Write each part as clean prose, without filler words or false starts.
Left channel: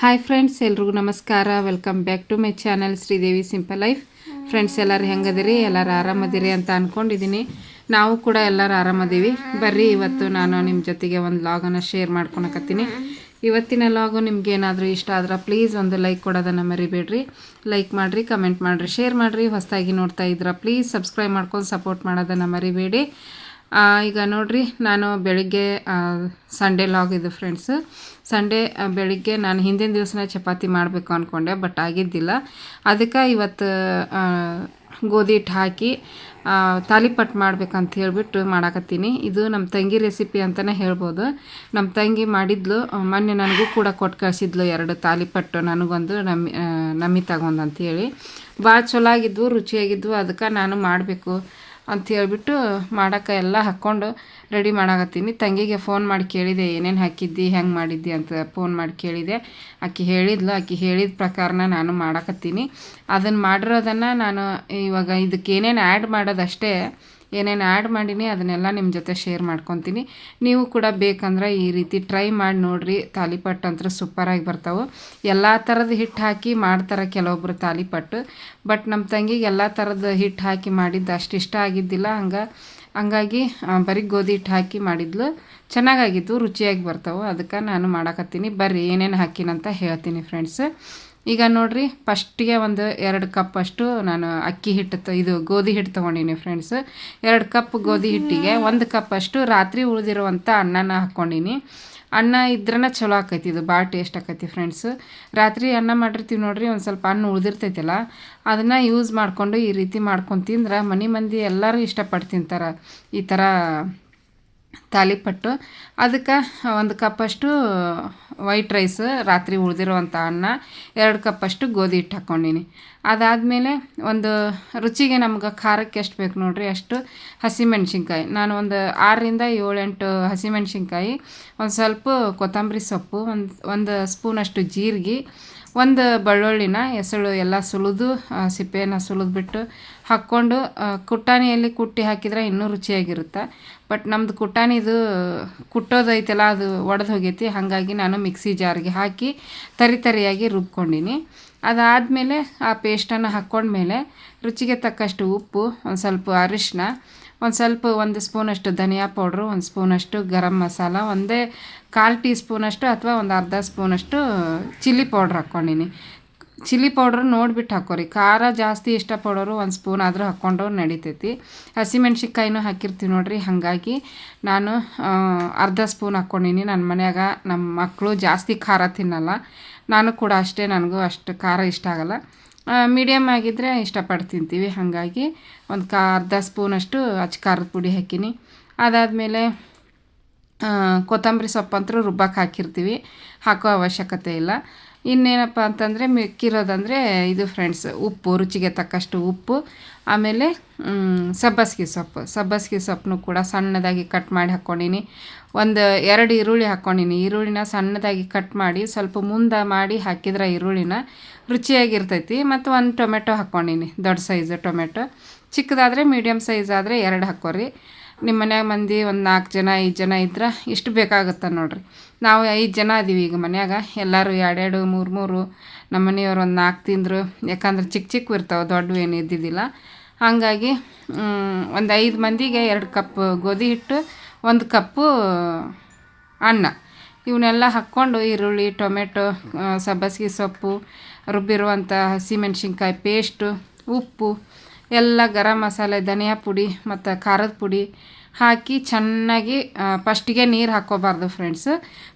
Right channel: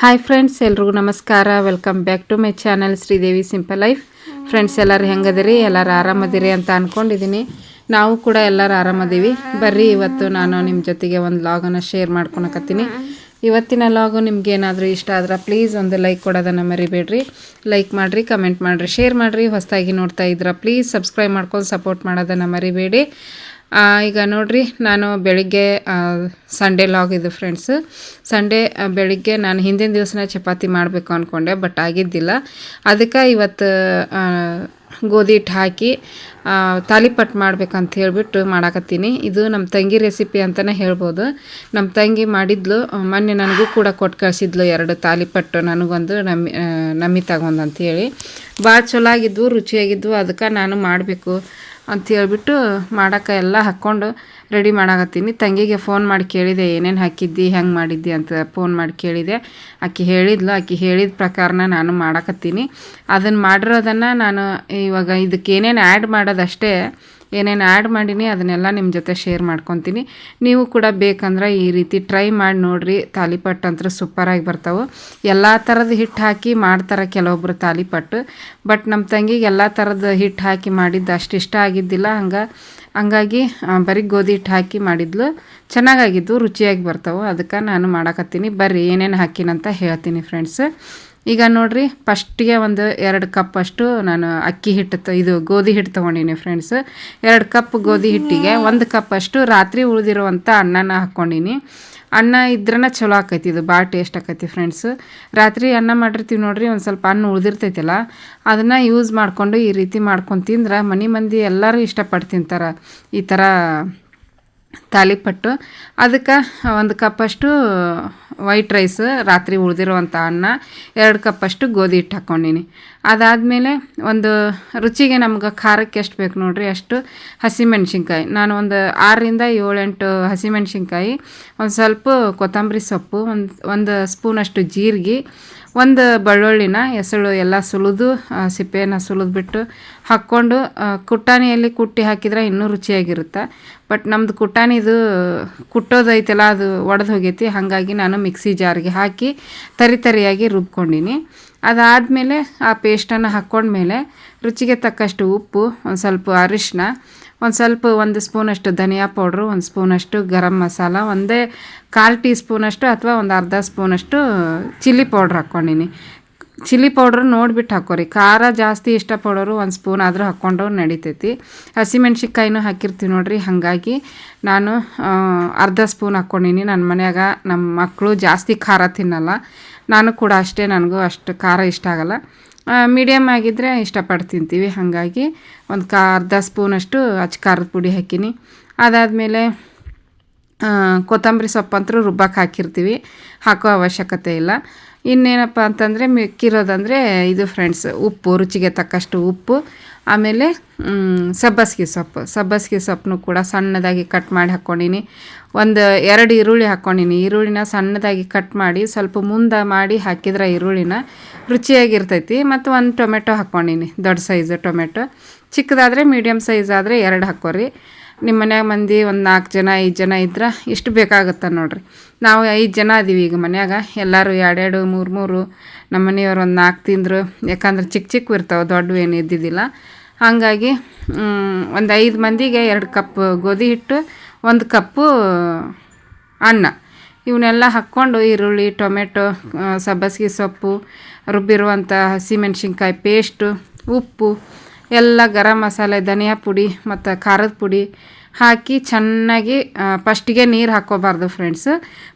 Hi friends, ಎಲ್ರಿಗೂ ನಮಸ್ಕಾರ. Welcome back to my channel Sridevi simple life. Friends, ಎಲ್ಲರೂ ಹೆಂಗದಿರಿ? ಎಲ್ಲರೂ ಆರಾಮದಿರಿ ಅಂತ ಅಂದ್ಕೊಂಡಿದ್ದೀನಿ. ನಾವು ಕೂಡ ಎಲ್ಲರೂ ಆರಾಮದೀವಿ. ಬರ್ರಿ, ಇವತ್ತು ನಾನು ನಿಮ್ಮ ಜೊತೆಗೆ ಒಂದು ಲಾಗನ್ನು ಶೇರ್ ಮಾಡ್ಕೊಳಕತ್ತೀನಿ. ಇವತ್ತಿನ ಲಾಗು ನಿಮ್ಗೆ ಏನಾದರೂ ಇಷ್ಟ ಆದ್ರೆ ಪ್ಲೀಸ್ ಒಂದು ಲೈಕ್ ಕೊಡೋದನ್ನು ಮರಿಬೇಡ್ರಿ. ಲೈಕ್ ಮಾಡಿರಿ, ಕಮೆಂಟ್ ಮಾಡಿರಿ, ಶೇರ್ ಮಾಡಿರಿ. ಹೊಸದಾಗಿ ನೋಡ್ತಾ ಇದ್ರೆ ಪ್ಲೀಸ್ ಸಬ್ಸ್ಕ್ರೈಬ್ ಮಾಡ್ಕೊಂಡು ಸಪೋರ್ಟ್ ಮಾಡೋದನ್ನು ಮರಿಬೇಡಿ. ಈಗ ನೋಡಿರಿ, ನಾನು ಬೆಳಿಗ್ಗೆ ಸಂಡೇ ಲಾಗ್ ಇದು ಫ್ರೆಂಡ್ಸ್. ಸಂಡೇ ಬೆಳಿಗ್ಗೆ ನಾನು ಹಿಂದಿನ ದಿವಸನೇ ಚಪಾತಿ ಮಾಡಬೇಕು ಅಂದ್ಕೊಂಡೆ, ಬಟ್ ಆಗಿದ್ದಿಲ್ಲ. ಅದಕ್ಕೆ ಇವತ್ತು ಗೋಧಿ ಹಿಟ್ಟು ಹಾಕಿ ತಾಲಿಪಟ್ಟು ಮಾಡ್ಬೇಕಂತ ಹೇಳಿಬಿಟ್ಟು ಮಾಡಾಕತ್ತೀನಿ. ಇದು ನಮ್ಮ ತಂಗಿ ರೆಸಿಪಿ ಅಂತಲೇ ಹೇಳ್ಬೋದು. ನಮ್ಮ ತಂಗಿ ಮಾಡಿದ್ಲು, ಮೊನ್ನೆ ನನಗೂ ಕೂಡ ಕೊಟ್ಟು ಕಳಿಸಿದ್ಲು 2 ತಾಲಿಪಟ್ಟು, ನನಗೊಂದು ನಮ್ಮಿ ತಗೊಂಡು ಅಂತೇಳಿ. ಭಾಳ ಚಲೋ ಆಗಿದ್ವು, ರುಚಿಯಾಗಿದ್ವು. ಅದಕ್ಕೆ ನಾನು ಮಾಡಬೇಕು ಅಂತ ಹೇಳ್ಬಿಟ್ಟು ಮಾಡೋಕ್ಕೆ ಎಲ್ಲ ಹಾಕ್ಕೊಂಡು ರೆಡಿ ಮಾಡಾಕತ್ತೀನಿ. ತಂಗಿಗೆ ಫೋನ್ ಮಾಡಿ ಕೇಳಿದೆ, ಏನೇನು ಹಾಕಿದ್ದಿ, ಹೆಂಗೆ ಮಾಡಿದ್ದಿ ಅಂತ ಫೋನ್ ಮಾಡಿ ಕೇಳಿದೆ. ಆಕೆ ಹೇಳಿದ್ಲು. ಆಕೆ ಹೇಳಿದ ಪ್ರಕಾರನ ನಾನು ಮಾಡಾಕತ್ತೀನಿ. ಅದನ್ನು ಮಾಡಿರೋದನ್ನು ನಾನು ಇವಾಗ ಇದಕ್ಕೆ ಏನೇನು ಆ್ಯಡ್ ಮಾಡೋದಷ್ಟೇ. ಏನೇನು ಆ್ಯಡ್ ಮಾಡೀನಿ ಅದನ್ನೆಲ್ಲ ನಿಮ್ಮ ಜೊತೆ ಶೇರ್ ಮಾಡ್ಕೊತೀನಿ. ನೀವು ಕೂಡ ಬೇಕಂದ್ರೆ ಈ ರೀತಿ ಟ್ರೈ ಮಾಡಿ ನೋಡಿರಿ. ತಾಲಿಪಟ್ಟು ಅಂತೂ ಸೂಪರಾಗಿ ಬರ್ತಾವೆ. ಎಲ್ಲ ಥರದ ಹಿಟ್ಟು ಹಾಕಿ ಮಾಡ್ತಾರೆ ಕೆಲವೊಬ್ಬರು ತಾಲಿಪಟ್ಟು. ಬಟ್ ನಮ್ಮ ತಂಗಿಗೆ ಎಲ್ಲ ಥರದ ಹಿಟ್ಟು ಹಾಕಿ ಮಾಡಿದ್ದು ಅಷ್ಟು ಇಷ್ಟ ಆಗಿದ್ದಿಲ್ಲ. ಹಂಗಾಗಿ ಬರೀ ಗೋಧಿ ಹಿಟ್ಟು ಹಾಕಿ ಮಾಡಿದ್ಲು. ಚೆನ್ನಾಗಾಗಿದ್ದು, ರುಚಿಯಾಗಿ ಬರ್ತಾವೆ. ಅದಕ್ಕೆ ನಾನು ಮಾಡಾಕತ್ತೀನಿ. ಬರ್ರಿ, ಏನೇನು ಹಾಕಿನಂತ ಹೇಳ್ತೀನಿ ಫ್ರೆಂಡ್ಸ್. ಈಗ ನೋಡಿರಿ, ಫಸ್ಟಿಗೆ ಒಂದು 2 ಕಪ್ ಅಷ್ಟು ನಾನು ಅಕ್ಕಿ ಹಿಟ್ಟು ಇದು ಗೋಧಿ ಹಿಟ್ಟು ತೊಗೊಂಡಿನಿ ಫ್ರೆಂಡ್ಸ್. 2 ಕಪ್ ಗೋಧಿ ಹಿಟ್ಟಿಗೆ 1 ಕಪ್ ಅಷ್ಟು ರಾತ್ರಿ ಉಳಿದಿರುವಂಥ ಅನ್ನನ ಹಾಕ್ಕೊಂಡಿನಿ. ಅನ್ನ ಇದ್ರನ ಚಲೋ ಆಕೈತಿ, ಇದು ಭಾಳ ಟೇಸ್ಟ್ ಆಕೈತಿ ಫ್ರೆಂಡ್ಸ್. ರಾತ್ರಿ ಅನ್ನ ಮಾಡಿರ್ತೀವಿ ನೋಡಿರಿ, ಒಂದು ಸ್ವಲ್ಪ ಅನ್ನ ಉಳಿದಿರ್ತೈತಲ್ಲ, ಅದನ್ನು ಯೂಸ್ ಮಾಡಿಕೊಂಡು ಈ ರೀತಿ ಮಾಡ್ಕೊಂಡು ತಿಂದ್ರೆ ಮನೆ ಮಂದಿ ಎಲ್ಲರೂ ಇಷ್ಟಪಟ್ಟು ತಿಂತಾರೆ ಈ ಥರ ತಾಲಿಪಟ್ಟು. ಅದಕ್ಕೆ 1 ಕಪ್ಪಷ್ಟು ವೈಟ್ ರೈಸ್, ರಾತ್ರಿ ಉಳಿದಿರುವಂಥ ಅನ್ನ, 2 ಕಪ್ಪಷ್ಟು ಗೋಧಿ ಹಿಟ್ಟು ಹಾಕ್ಕೊಂಡಿನಿ. ಅದಾದಮೇಲೆ ಒಂದು ರುಚಿಗೆ ನಮ್ಗೆ ಖಾರಕ್ಕೆ ಎಷ್ಟು ಬೇಕು ನೋಡಿರಿ ಅಷ್ಟು ಹಸಿಮೆಣ್ಸಿನ್ಕಾಯಿ. ನಾನು ಒಂದು 6ರಿಂದ 7-8 ಹಸಿಮೆಣ್ಸಿನ್ಕಾಯಿ, ಒಂದು ಸ್ವಲ್ಪ ಕೊತ್ತಂಬರಿ ಸೊಪ್ಪು, ಒಂದು ಸ್ಪೂನಷ್ಟು ಜೀರಿಗೆ, 1 ಬೆಳ್ಳುಳ್ಳಿನ ಎಸಳು ಎಲ್ಲ ಸುಲಿದು ಸಿಪ್ಪೆಯನ್ನು ಸುಲಿದ್ಬಿಟ್ಟು ಹಾಕ್ಕೊಂಡು ಕುಟ್ಟಾಣಿಯಲ್ಲಿ ಕುಟ್ಟಿ ಹಾಕಿದರೆ ಇನ್ನೂ ರುಚಿಯಾಗಿರುತ್ತೆ. ಬಟ್ ನಮ್ಮದು ಕುಟ್ಟಾಣಿದು ಕುಟ್ಟೋದೈತಲ್ಲ, ಅದು ಒಡೆದು ಹೋಗೈತಿ. ಹಾಗಾಗಿ ನಾನು ಮಿಕ್ಸಿ ಜಾರ್ಗೆ ಹಾಕಿ ತರಿಯಾಗಿ ರುಬ್ಕೊಂಡಿನಿ. ಅದಾದಮೇಲೆ ಆ ಪೇಸ್ಟನ್ನು ಹಾಕ್ಕೊಂಡ್ಮೇಲೆ ರುಚಿಗೆ ತಕ್ಕಷ್ಟು ಉಪ್ಪು, ಒಂದು ಸ್ವಲ್ಪ ಅರಿಶಿನ, ಒಂದು ಸ್ಪೂನಷ್ಟು ಧನಿಯಾ ಪೌಡ್ರು, 1 ಸ್ಪೂನಷ್ಟು ಗರಂ ಮಸಾಲ, 1/4 ಟೀ ಸ್ಪೂನಷ್ಟು ಅಥವಾ ಒಂದು ಅರ್ಧ ಸ್ಪೂನಷ್ಟು ಚಿಲ್ಲಿ ಪೌಡ್ರ್ ಹಾಕ್ಕೊಂಡಿನಿ. ಚಿಲ್ಲಿ ಪೌಡ್ರ್ ನೋಡಿಬಿಟ್ಟು ಹಾಕೋರಿ. ಖಾರ ಜಾಸ್ತಿ ಇಷ್ಟಪಡೋರು 1 ಸ್ಪೂನ್ ಆದರೂ ಹಾಕ್ಕೊಂಡ್ರು ನಡಿತೈತಿ. ಹಸಿಮೆಣ್ಸಿನ್ಕಾಯಿನೂ ಹಾಕಿರ್ತೀವಿ ನೋಡಿರಿ, ಹಾಗಾಗಿ ನಾನು ಅರ್ಧ ಸ್ಪೂನ್ ಹಾಕ್ಕೊಂಡಿನಿ. ನನ್ನ ಮನ್ಯಾಗ ನಮ್ಮ ಮಕ್ಕಳು ಜಾಸ್ತಿ ಖಾರ ತಿನ್ನಲ್ಲ, ನಾನು ಕೂಡ ಅಷ್ಟೇ. ನನಗೂ ಅಷ್ಟು ಖಾರ ಇಷ್ಟ ಆಗಲ್ಲ. ಮೀಡಿಯಮ್ ಆಗಿದ್ದರೆ ಇಷ್ಟಪಟ್ಟು ತಿಂತೀವಿ. ಹಾಗಾಗಿ ಅರ್ಧ ಸ್ಪೂನಷ್ಟು ಖಾರದ ಪುಡಿ ಹಾಕಿನಿ. ಅದಾದಮೇಲೆ ಕೊತ್ತಂಬರಿ ಸೊಪ್ಪಂತರೂ ರುಬ್ಬಕ್ಕೆ ಹಾಕಿರ್ತೀವಿ, ಹಾಕೋ ಅವಶ್ಯಕತೆ ಇಲ್ಲ. ಇನ್ನೇನಪ್ಪ ಅಂತಂದರೆ ಮಿಕ್ಕಿರೋದಂದರೆ ಇದು ಫ್ರೆಂಡ್ಸ್, ಉಪ್ಪು, ರುಚಿಗೆ ತಕ್ಕಷ್ಟು ಉಪ್ಪು. ಆಮೇಲೆ ಸಬ್ಬಸಿಗೆ ಸೊಪ್ಪನ್ನು ಕೂಡ ಸಣ್ಣದಾಗಿ ಕಟ್ ಮಾಡಿ ಹಾಕ್ಕೊಂಡಿನಿ. 2 ಈರುಳ್ಳಿ ಹಾಕ್ಕೊಂಡಿನಿ. ಈರುಳ್ಳಿನ ಸಣ್ಣದಾಗಿ ಕಟ್ ಮಾಡಿ ಸ್ವಲ್ಪ ಮುಂದೆ ಮಾಡಿ ಹಾಕಿದ್ರೆ ಈರುಳ್ಳಿನ ರುಚಿಯಾಗಿರ್ತೈತಿ. ಮತ್ತು 1 ಟೊಮೆಟೊ ಹಾಕ್ಕೊಂಡಿನಿ, ದೊಡ್ಡ ಸೈಜು ಟೊಮೆಟೊ. ಚಿಕ್ಕದಾದರೆ ಮೀಡಿಯಮ್ ಸೈಜ್ ಆದರೆ 2 ಹಾಕ್ಕೊರಿ. ನಿಮ್ಮ ಮನ್ಯಾಗ ಮಂದಿ ಒಂದು 4 ಜನ 5 ಜನ ಇದ್ರೆ ಇಷ್ಟು ಬೇಕಾಗುತ್ತೆ ನೋಡಿರಿ. ನಾವು 5 ಜನ ಅದೀವಿ ಈಗ ಮನ್ಯಾಗ. ಎಲ್ಲರೂ 2 3 ನಮ್ಮ ಮನೆಯವ್ರು ಒಂದು 4 ತಿಂದರು. ಯಾಕಂದ್ರೆ ಚಿಕ್ಕ ಇರ್ತಾವೆ, ದೊಡ್ಡವು ಏನು ಇದ್ದಿದ್ದಿಲ್ಲ. ಹಾಗಾಗಿ ಒಂದು 5 ಮಂದಿಗೆ 2 ಕಪ್ ಗೋಧಿ ಹಿಟ್ಟು, 1 ಕಪ್ಪು ಅನ್ನ, ಇವನ್ನೆಲ್ಲ ಹಾಕ್ಕೊಂಡು ಈರುಳ್ಳಿ, ಟೊಮೆಟೊ, ಸಬ್ಬಸಿಗೆ ಸೊಪ್ಪು, ರುಬ್ಬಿರುವಂಥ ಹಸಿಮೆಣ್ಸಿನ್ಕಾಯಿ ಪೇಸ್ಟು, ಉಪ್ಪು ಎಲ್ಲ, ಗರಂ ಮಸಾಲೆ, ಧನಿಯಾ ಪುಡಿ ಮತ್ತು ಖಾರದ ಪುಡಿ ಹಾಕಿ ಚೆನ್ನಾಗಿ ಫಸ್ಟಿಗೆ ನೀರು ಹಾಕ್ಕೋಬಾರ್ದು ಫ್ರೆಂಡ್ಸ್.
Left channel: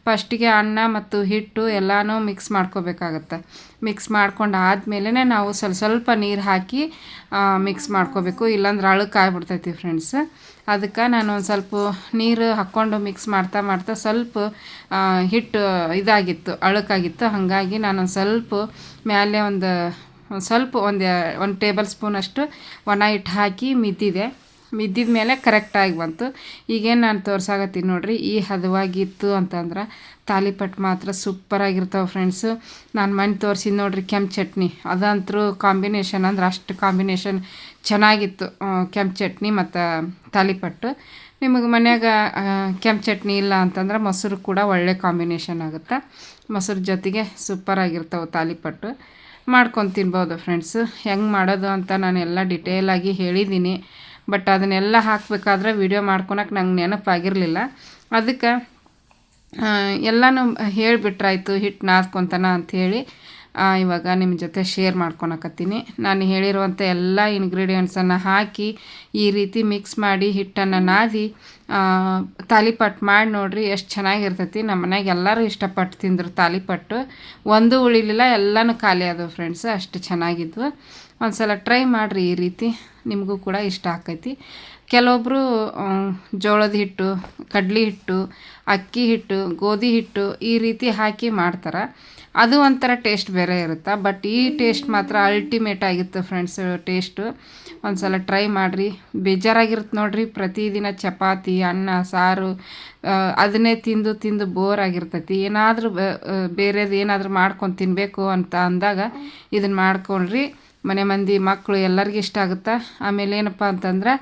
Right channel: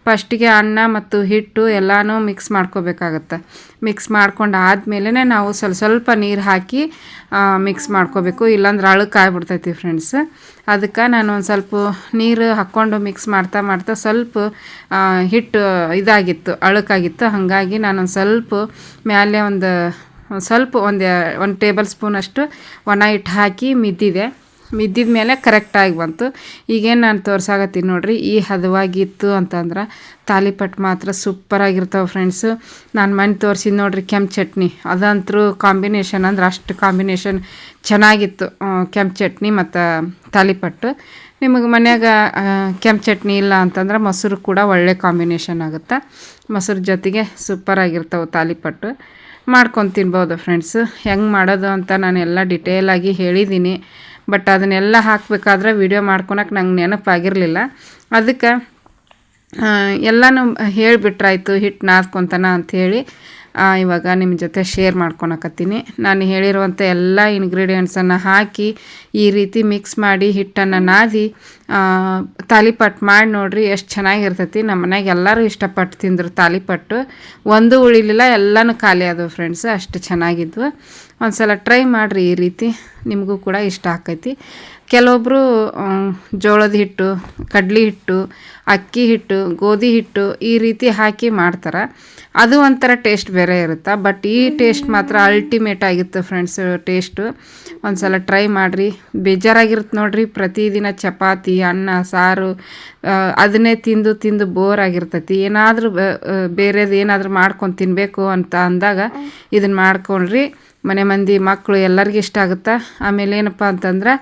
ಫಸ್ಟಿಗೆ ಅನ್ನ ಮತ್ತು ಹಿಟ್ಟು ಎಲ್ಲನೂ ಮಿಕ್ಸ್ ಮಾಡ್ಕೋಬೇಕಾಗತ್ತೆ. ಮಿಕ್ಸ್ ಮಾಡ್ಕೊಂಡು ಆದಮೇಲೆ ನಾವು ಸ್ವಲ್ಪ ನೀರು ಹಾಕಿ ಮಿಕ್ಸ್ ಮಾಡ್ಕೋಬೇಕು, ಇಲ್ಲಾಂದ್ರೆ ಅಳುಕಾಗ್ಬಿಡ್ತೈತಿ ಫ್ರೆಂಡ್ಸ್. ಅದಕ್ಕೆ ನಾನು ಒಂದು ಸ್ವಲ್ಪ ನೀರು ಹಾಕ್ಕೊಂಡು ಮಿಕ್ಸ್ ಮಾಡ್ತಾ ಸ್ವಲ್ಪ ಹಿಟ್ಟು ಇದಾಗಿತ್ತು, ಅಳುಕಾಗಿತ್ತು. ಹಾಗಾಗಿ ನಾನೊಂದು ಸ್ವಲ್ಪ ಮೇಲೆ ಒಂದು ಟೇಬಲ್ ಸ್ಪೂನಷ್ಟು ಒಣ ಹಿಟ್ಟು ಹಾಕಿ ಮಿದ್ದಿದ ಮೇಲೆ ಕರೆಕ್ಟಾಗಿ ಬಂತು. ಈಗೇನು ನಾನು ತೋರ್ಸಾಕತ್ತೀನಿ ನೋಡಿರಿ, ಈ ಹದವಾಗಿತ್ತು ಅಂತಂದ್ರೆ ತಾಲಿಪಟ್ಟು ಮಾತ್ರ ಸೂಪರಾಗಿರ್ತಾವೆ ಫ್ರೆಂಡ್ಸು. ನಾನು ಮನೆ ತೋರಿಸಿದ್ದು ನೋಡಿರಿ ಕೆಂಪು ಚಟ್ನಿ, ಅದಂತರೂ ಕಾಂಬಿನೇಷನ್ ಅಂದ್ರೆ ಅಷ್ಟು ಕಾಂಬಿನೇಷನ್ ಚೆನ್ನಾಗಿತ್ತು. ಕೆಂಪು ಚಟ್ನಿ ಮತ್ತು ತಾಲಿಪಟ್ಟು. ನಿಮಗೆ ಮನ್ಯಾಗ ಕೆಂಪು ಚಟ್ನಿ ಇಲ್ಲ ಅಂತಂದ್ರೆ ಮೊಸರು ಕೂಡ ಒಳ್ಳೆ ಕಾಂಬಿನೇಷನ್ ಆಗುತ್ತೆ. ಮೊಸರು ಜೊತೆಗೆ ಸೂಪರಾಗಿರ್ತಾವೆ ತಾಲಿಪಟ್ಟು. ಮಾಡ್ಕೊಂಡು ತಿನ್ಬೋದು ಫ್ರೆಂಡ್ಸು. ಹೆಂಗೆ ಮಾಡೋದು ಅಂತ ನಾನು ಎಲ್ಲ ಡಿಟೇಲಾಗಿ ಹೇಳಿದ್ದೀನಿ. ಬಟ್ ಅದನ್ನೆಲ್ಲ ಹಾಕಬೇಕಾದ್ರೆ ವಿಡಿಯೋ ಮಾಡ್ಕೊಳಕ್ಕೆ ನಂಗೆ ನೆನಪಾಗಿರಲಿಲ್ಲ. ಅದಕ್ಕೆ ಎಲ್ಲನೂ ಹೇಳಿಬಿಟ್ರಾಯ್ತು ಹಿಟ್ಟು ನಾದ್ಕೊತಾನ ಅಂಥೇಳಿ ಇವಾಗ ನಿಮ್ಮ ಜೊತೆ ಶೇರ್ ಮಾಡ್ಕೊಳಕತ್ತೀನಿ. ನಾನು ಹೇಳಿರುವಂಥ ಎಲ್ಲ ಇಂಗ್ರೀಡಿಯೆಂಟ್ಸನ್ನು ಹಾಕಿ ಈ ರೀತಿ ಮಿಕ್ಸ್ ಮಾಡಿ ಹಿಟ್ಟನ್ನು ನಾದಿ ತಾಲಿಪಟ್ಟು ಮಾಡಿ ನೋಡಿರಿ, ಎಷ್ಟು ಚೆನ್ನಾಗಿರ್ತೈತಿ. ನಮ್ಮ ಮನೆಗೆ ಎಲ್ಲರೂ ಇಷ್ಟಪಟ್ಟು ತಿಂದರು ತಾಲಿಪಟ್ಟು. ಒಂದು ಉಳಿಲಿಲ್ಲ, ಎಲ್ಲನೂ ಖಾಲಿ ಆದವು ಫ್ರೆಂಡ್ಸ್, ಅಷ್ಟು ಚೆನ್ನಾಗಿದ್ವು. ಒಂದು ಸಲ ಟ್ರೈ ಮಾಡಿರಿ, ಈ ರೀತಿ ನಿಮಗೂ ಕೂಡ ಇಷ್ಟ ಆಕೈತಿ. ಕೆಲವೊಬ್ಬರು ಜೋಳದ ಹಿಟ್ಟು, ಕಡ್ಲೆ ಹಿಟ್ಟು, ಅಕ್ಕಿ ಹಿಟ್ಟು, ಗೋಧಿ ಹಿಟ್ಟು ಈ ರೀತಿ ಹಾಕಿ ಮಾಡ್ತಾರೆ. ಅದು ಒಂಥರ ಟೇಸ್ಟ್ ಬೇರೆ ಇರುತ್ತೆ. ಬಟ್ ಈ ಟೇಸ್ಟ್ ಮಾತ್ರ ಅಲ್ಟಿಮೇಟ್ ಆಗಿತ್ತು ಫ್ರೆಂಡ್ಸ್. ಟೇಸ್ಟು ಒಂದು ಸಲ ಟ್ರೈ ಮಾಡಿರಿ. ಬೇಜಾರಾಗಿರುತ್ತೆ ನೋಡಿರಿ, ಪ್ರತಿದಿನ ಚಪಾತಿ ಅನ್ನ ಸಾರು ಅದನ್ನೇ ತಿಂದು ತಿಂದು ಬೋರ್ ಆಗಿರ್ತೈತಿ. ಏನಾದರೂ ಬೇರೆದು ಏನಾದರೂ ಮಾಡ್ಕೊಂಡು ತಿನ್ನಬೇಕು ಅಂತ ಅಂದಾಗ ಇದನ್ನು ಮಾಡ್ಕೊಳ್ರಿ. ಮನೆ ಮಂದಿ ಮಕ್ಕಳು ಎಲ್ಲರಿಗೂ ಇಷ್ಟ ಆಗುತ್ತೆ. ಆಮೇಲೆ ಏನಪ್ಪ ಅಂತಂದ್ರೆ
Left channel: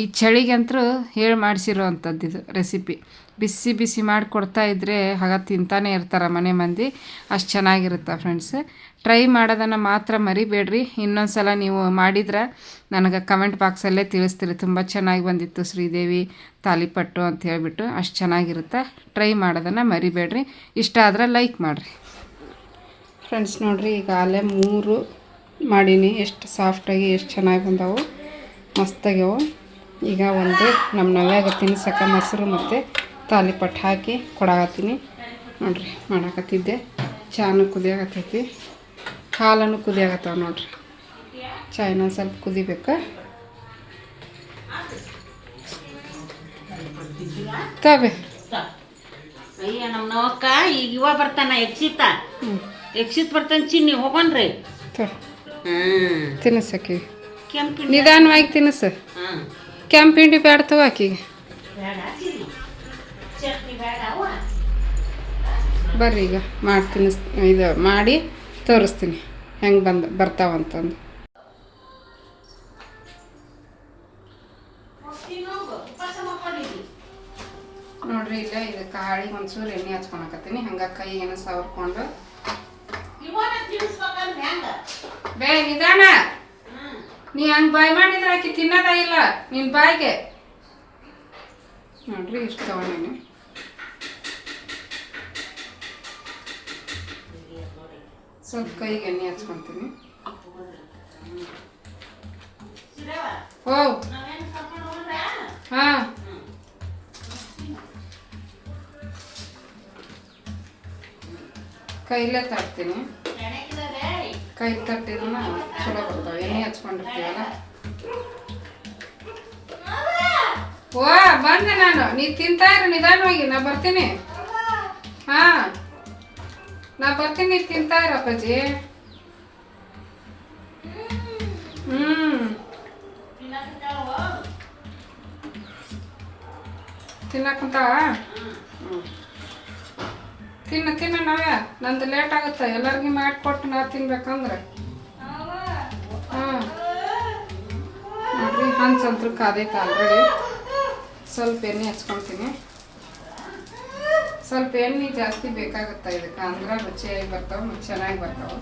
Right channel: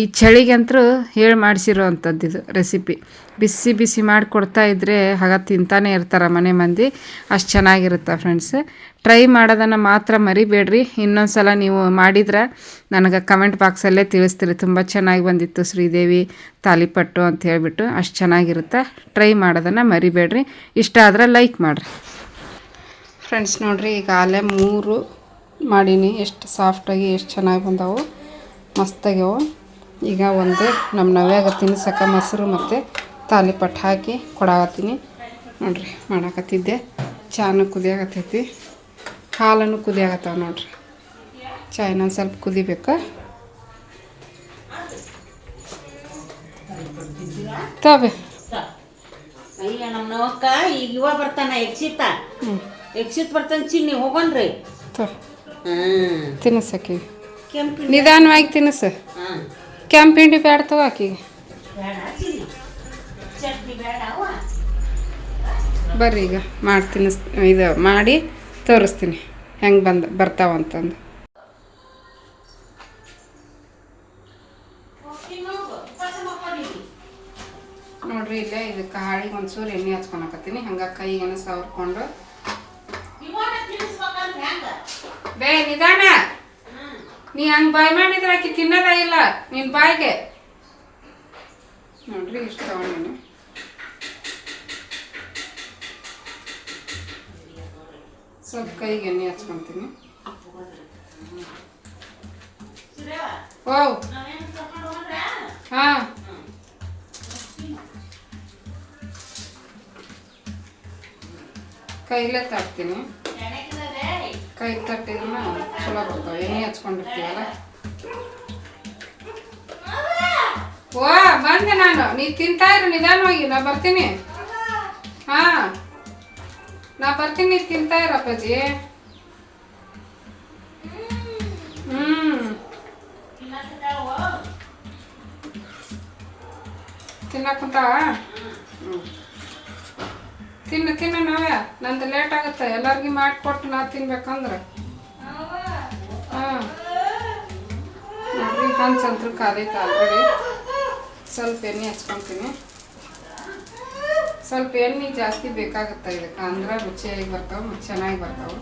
ಈ ಚಳಿಗಂತೂ ಹೇಳಿ ಮಾಡಿಸಿರೋ ಅಂಥದ್ದು ಇದು ರೆಸಿಪಿ. ಬಿಸಿ ಬಿಸಿ ಮಾಡಿಕೊಡ್ತಾ ಇದ್ದರೆ ಆಗ ತಿಂತಾನೆ ಇರ್ತಾರೆ ಮನೆ ಮಂದಿ, ಅಷ್ಟು ಚೆನ್ನಾಗಿರುತ್ತೆ ಫ್ರೆಂಡ್ಸ್. ಟ್ರೈ ಮಾಡೋದನ್ನು ಮಾತ್ರ ಮರಿಬೇಡ್ರಿ. ಇನ್ನೊಂದು ಸಲ ನೀವು ಮಾಡಿದ್ರೆ ನನಗೆ ಕಮೆಂಟ್ ಬಾಕ್ಸಲ್ಲೇ ತಿಳಿಸ್ತೀರಿ, ತುಂಬ ಚೆನ್ನಾಗಿ ಬಂದಿತ್ತು ಶ್ರೀದೇವಿ ತಾಲಿಪಟ್ಟು ಅಂತ ಹೇಳಿಬಿಟ್ಟು. ಅಷ್ಟು ಚೆನ್ನಾಗಿರುತ್ತೆ. ಟ್ರೈ ಮಾಡೋದನ್ನು ಮರಿಬೇಡ್ರಿ. ಇಷ್ಟ ಆದರೆ ಲೈಕ್ ಮಾಡಿರಿ ಫ್ರೆಂಡ್ಸ್. ನೋಡಿರಿ, ಈಗಾಗಲೇ 3 ಮಾಡೀನಿ. ಎಷ್ಟು ಸಾಫ್ಟಾಗಿ ಎಷ್ಟು ಚೆನ್ನಾಗಿ ಬಂದವು, ಮಸ್ತಾಗ್ಯವು. ಈಗ ಒಂದು ನಮ್ಮ ನವ್ಯಾಗ ತಿನ್ಸಕ್ಕೆ ಮೊಸರು ಮತ್ತು ತಾಲಿಪಟ್ಟು ಹಾಕಿ ಕೊಡಾಕತ್ತೀನಿ ನೋಡಿರಿ. ಮಾಡಾಕತ್ತಿದ್ದೆ. ಚಾನು ಕುದಿಯಾಗತ್ತೈತಿ, ಹಾಲನ್ನು ಕುದಿಯಾಗತ್ತವ ನೋಡಿರಿ. ಚಾಯ್ನ ಸ್ವಲ್ಪ ಕುದಿಬೇಕು. ತಬೆ ಅಯ್ಯ ನಮ್ಮಕ್ಕ ಈಗ ಇವ ಬರ್ತಾನ ಎಕ್ಸಿತ್ ಬರ್ತಾನೆ ಚಿನ್ನಿ ಹೋಗೋಣ್ರಿ. ತಿನ್ನಿಸಕ್ಕೆ ನಿಧಾನವಾಗಿ ತಿನ್ನಿಸ. ಕೆಂಪು ಹಿಂಡಿ ಬೇಡ್ತವ ಆಕಿಗೆ. ಬರ್ರಿ ಈಗ ಮಾಡಿ ಇದು ಮಾಡಿ ತೋರಿಸ್ತೀನಿ ಹೆಂಗೆ ಬರ್ತಾವಂತಂದು. ನೋಡ್ರಿ, ಇಲ್ಲೇ ಇದಕ್ಕೆ ಹಾಳಿಗೆ ಒಂಚೂರು ಎಣ್ಣೆ ಹಚ್ಕೊಳಕತ್ತೀನಿ. ಹಂಗೆ ಕೈಗೇನು ಸವರ್ಕೊಂಡು ಬೇ ನಿಧಾನ. ನೀ ಹಂಗೆ ಬಾಯ್ ಮಾಡಿದ್ರೆ ಆಕಿ ತಿನ್ನೋದಾಗಿಲ್ಲ ನಿನ್ನ ಬಾಯಿಗೆ. ನೋಡ್ರಿ, ಇಷ್ಟು ತಗೊಂಡಿನಿ. ಸ್ವಲ್ಪ ಕೈಗೆ ಎಣ್ಣೆ ಹಚ್ಕೊತೀನಿ. ಓ ಹಾಂ, ಕೈಲೇ ತಟ್ತೀನಿ. ಕೈ ತಟ್ಟಿದ್ರು ಚಲೋ ಬರ್ತಾವೆ. ಎಣ್ಣೆ ಹಚ್ಕೊಂಡಿರ್ತೀವಲ್ಲ. ಓ ಬಂದೆ ನಾನು. ನೀ ತಿಂತಾ ಇರು ನಿಧಾನವಾಗಿ, ನಾ ಬರ್ತೀನಿ. ಹಾಂ, ನಾ ಬರ್ತೀನಿ, ತಿಂತಾ ಇರು ಅಪ್ಪಾಜಿ. ತಿನ್ನಕ್ಕಂತಾವ. ತಿನ್ನ ನಾವೇ. ನಂದು ಲೇಟ್ ಆಗುತ್ತೆ, ಎಲ್ಲರಿಗೂ ಮಾಡಿಕೊಟ್ಟು ನಾ ತಿನ್ಬೇಕಂದ್ರೆ. ಹಾಂ ನೋಡ್ರಿ, ಹಂಚಂತ್ರು ಕಾದೈತೆ ಆಲ್ರೆಡಿ. ಸ್ವಲ್ಪ ಎಣ್ಣೆ ಹಚ್ಕೊತೀನಿ. ಸ್ವಲ್ಪ ಎಣ್ಣೆ ಜಾಸ್ತಿ ಬೇಕಾಗುತ್ತೆ ಇದಕ್ಕೆ, ಅಂದ್ರೆ ರುಚಿಯಾಗಿ ಬರ್ತಾವೆ ಮತ್ತು ಚೆನ್ನಾಗಿ ಬರ್ತಾವೆ.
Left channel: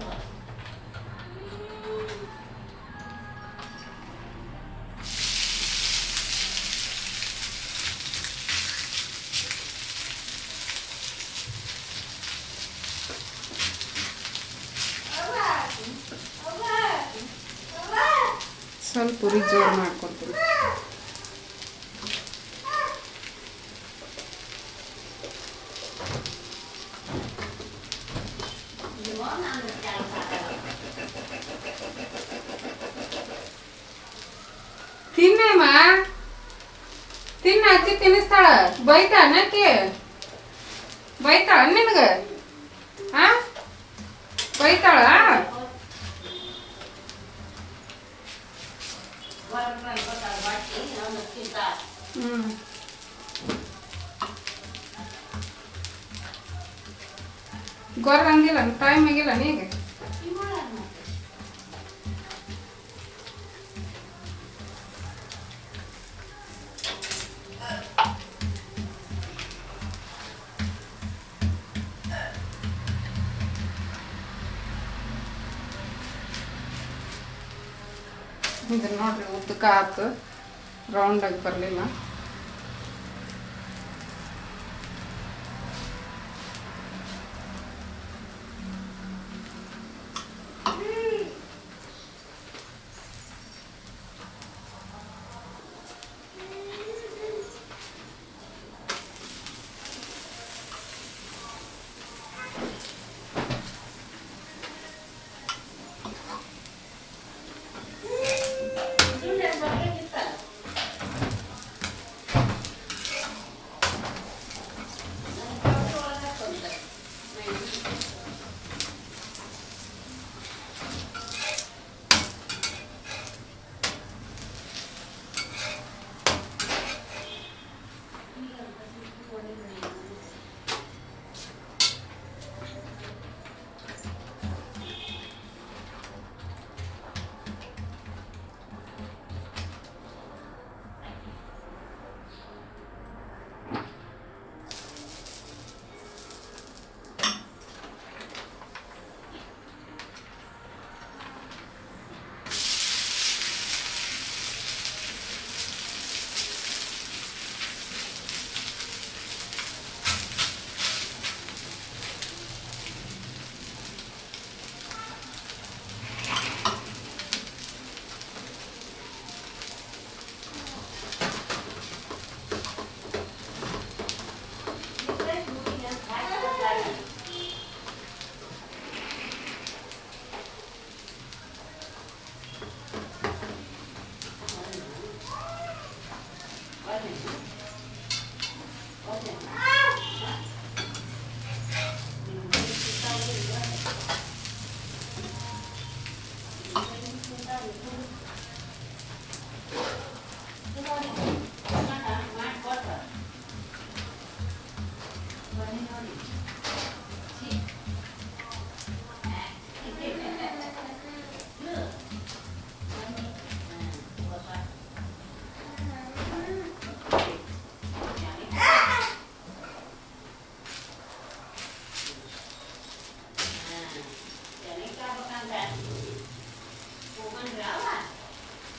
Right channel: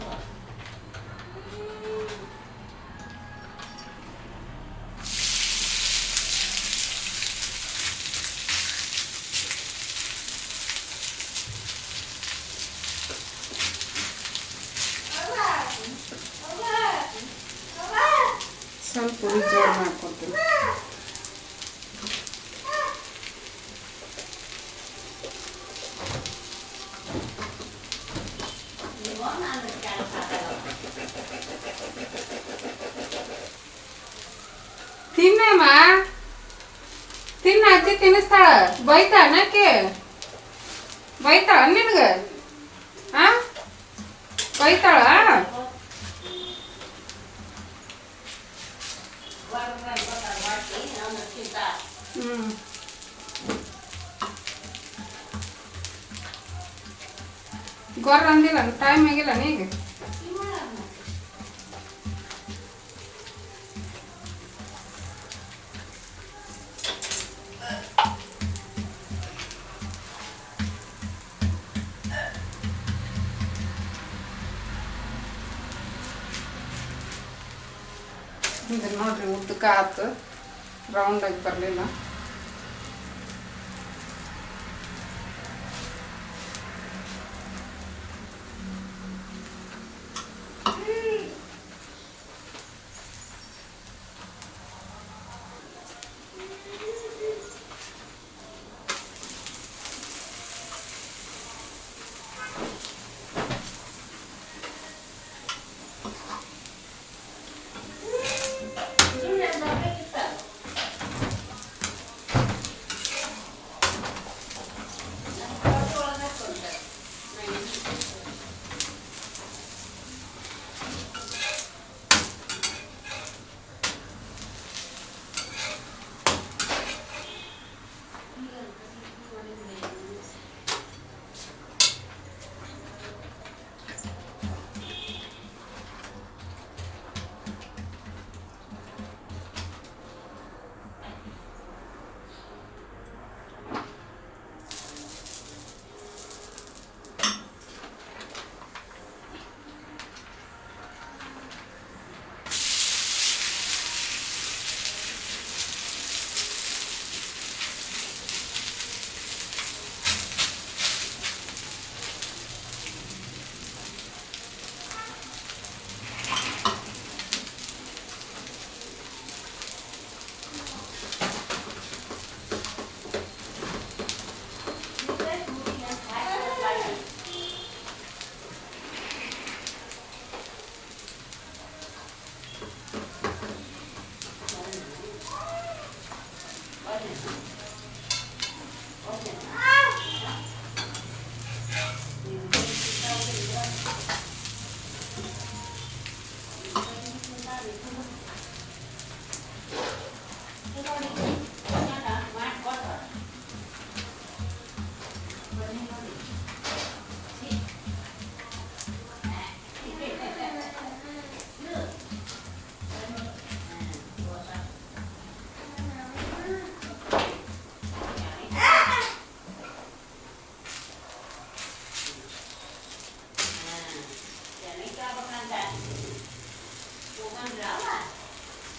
ಸ್ವಲ್ಪ ಪುರಿ ಜೋರು ಮಾಡ್ಕೊತೀನಿ. ತಿನ್ನಮ್ಮ, ತಿನ್ನ. ಅಜ್ಜಿ ತಿನ್ನಿಸ್ತಾಳ. ಬೈತಾ ಅನ್ನಕ್ಕೆ ಬೈತಾಳ ನಿನಗೆ? ಹಾಂ, ಬೈತಾಳ? ಗೊರ್ರ ಅಂದಿಲ್ಲ, ಟೈಮ್ ಆಗಿಲ್ಲ ನೀಗ. ಇದು ನೋಡ್ರಿ ಉದ್ದಕ್ಕೆ ಆಯ್ತು, ರೌಂಡಾಗಿ ಬರಲಿಲ್ಲ.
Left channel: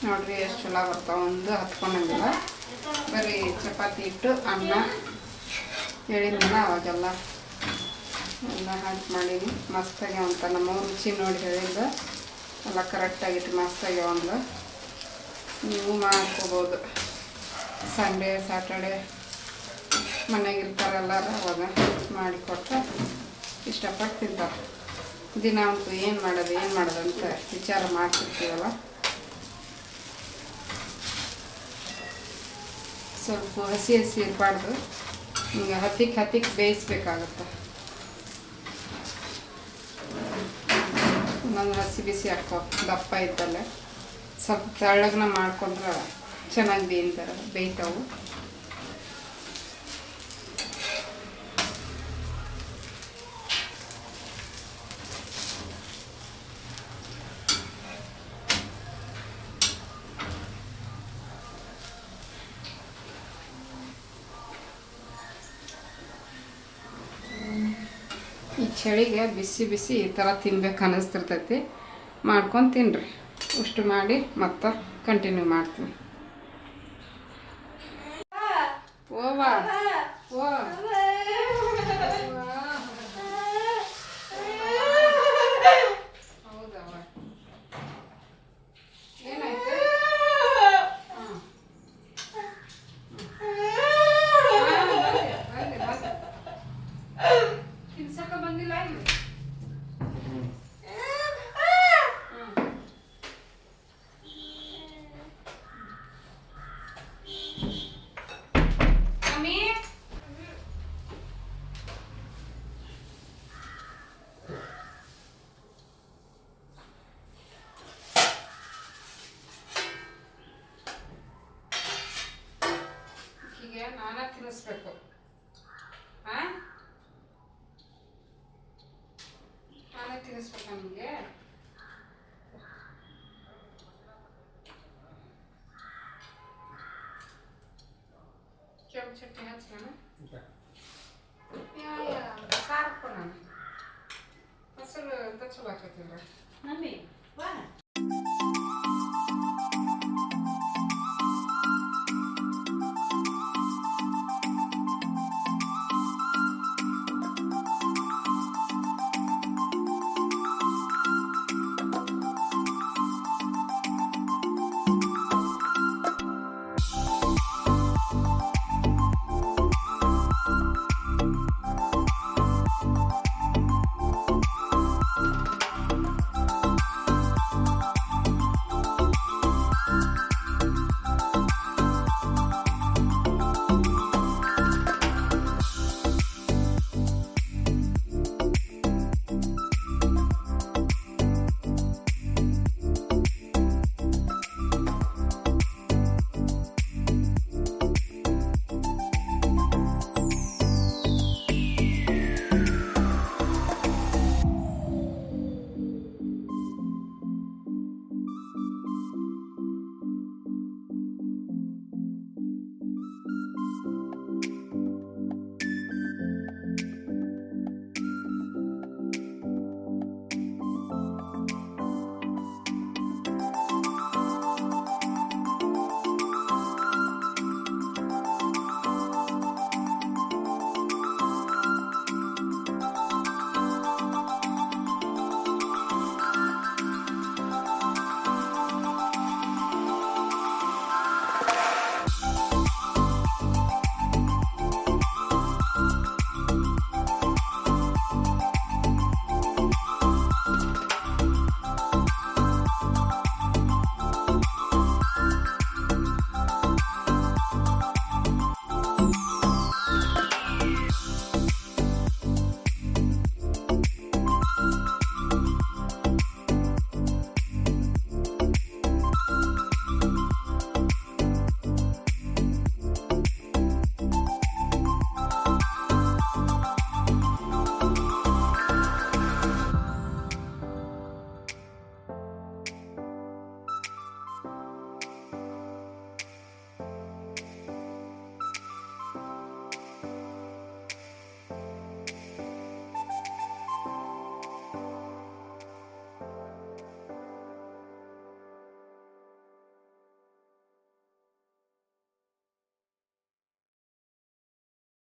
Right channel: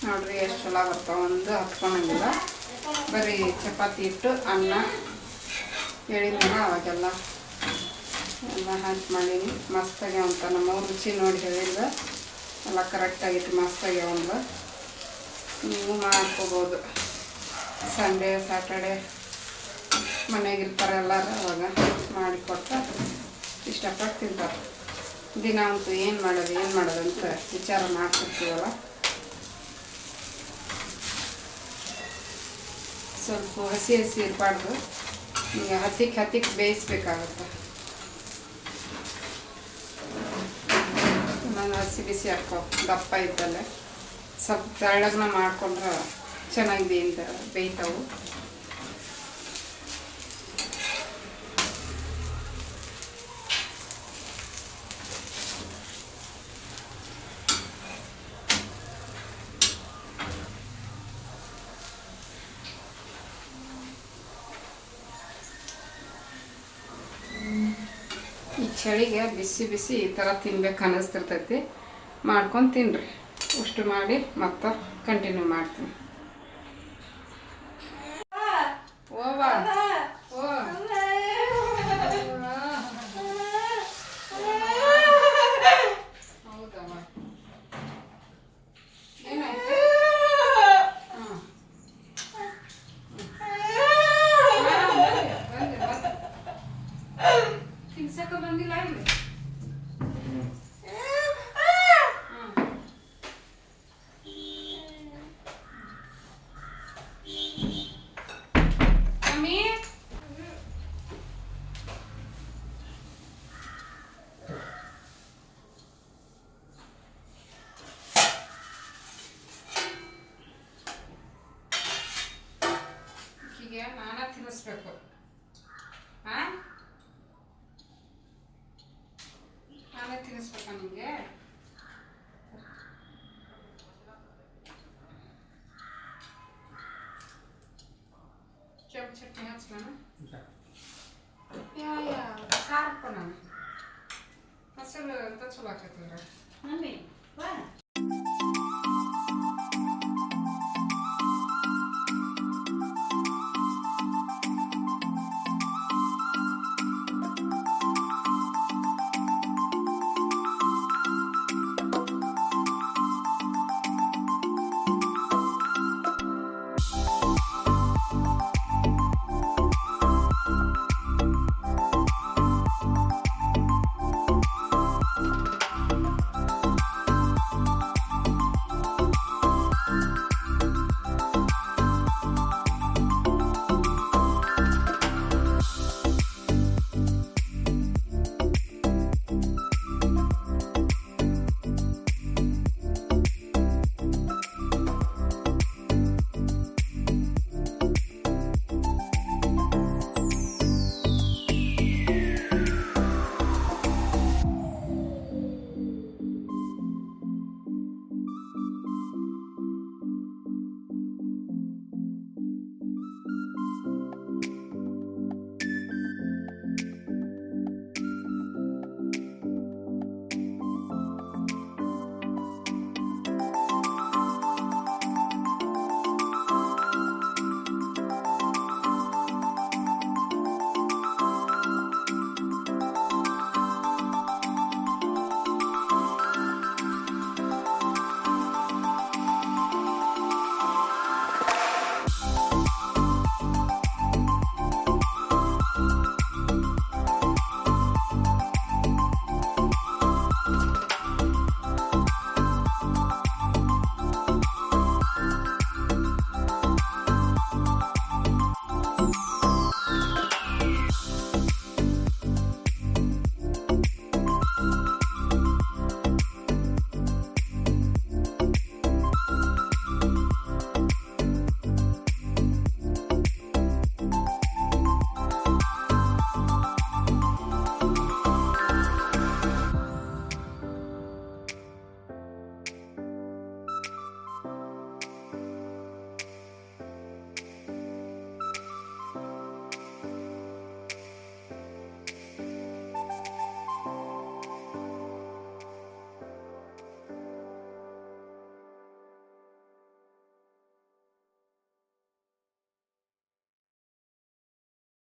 ನೋಡ್ರಿ ಎಷ್ಟು ಚಲೋ ಬರ್ತಾವೆ, ಒಂದು ಹತ್ಕೊಂಡಂಗಿಲ್ಲ. ಬರೀ ಚಪಾತಿ ಇಟ್ಟು ಅನ್ನ ಹೇಳಿದ್ನಲ್ಲ ಅವಾಗೆಲ್ಲ ಎಲ್ಲ ಹಾಕಿ ಮಾಡೀನಿ. ಮಸ್ತಾಗಿ ಅಂತ ನಮ್ಮ ರುಚಿ ನೋಡಿ ಹೇಳಿದ ಎಲ್ಲ ಕರೆಕ್ಟಾಗಿಟ್ಟು ಮಸ್ತಾಗಿ ಒಂದು ನೀವು ಮಾಡ್ಕೋಬೋದು. ಸಂಡೇ ಸ್ಯಾಟರ್ಡೆ ಮನೆಯಾಗಿರ್ತಾರೆ ಎಲ್ಲರೂ, ಅವಾಗ ಮಾಡಿಕೊಟ್ರೆ ಇಷ್ಟಪಟ್ಟು ತಿಂತಾರೆ. ದಿನ ಅಂತೂ ಏನು ಮಾಡೋದು ಅಂತ ವಿಚಾರ ಮಾಡ್ತಿರ್ತೀವಲ್ಲ. ಸ್ವಲ್ಪ ಹಸಿ ಇರಬಾರ್ದು, ಈಗ ಹತ್ತಿಕ್ಕೆ ಬೇಯಿಸ್ಬೇಕಾಗುತ್ತೆ. ನಾನು ಹಸಿ ಬಿಸಿ ಹಾಕೋ ದಪ್ಪ ಇದ್ದಲ್ಲೇ ಸ್ವಲ್ಪ ತೆಳ್ಳಗನ ಮಾಡ್ಕೊಂಡ್ರೆ ಚೆನ್ನಾಗಿ ಬೇಯ್ತಾವು. ಈ ಚಳಿಗೆ ಬಿಸಿ ಬಿಸಿ ಈ ಥರ ತಿನ್ಬೇಕು ಅನ್ನಿಸ್ತಿರ್ತೈತಿ. ಮಾಡ್ಕೊಂಡು ತಿನ್ನಿರಿ. ಇಷ್ಟು ಮಾಡಿ ಮತ್ತೆ ಕಂಟಿನ್ಯೂ ಮಾಡ್ತೀನಿ. ಬಂದಿಲ್ಲ ಇಲ್ಲಿ ನಾನೇ ತಿನ್ನಿಸ್ಬೇಕು. ನಾನೇ ತಿನ್ನಿಸ್ಬೇಕಾ ನಿಮಗೆ? ಕೆಂಪು ಚಟ್ನಿ ಹಚ್ಚ ನಾನು ಸಾರಪ್ಪ ನಾನು ಹಸರು ಚಲೋ ಆಕೈತಿದ್ರೆ.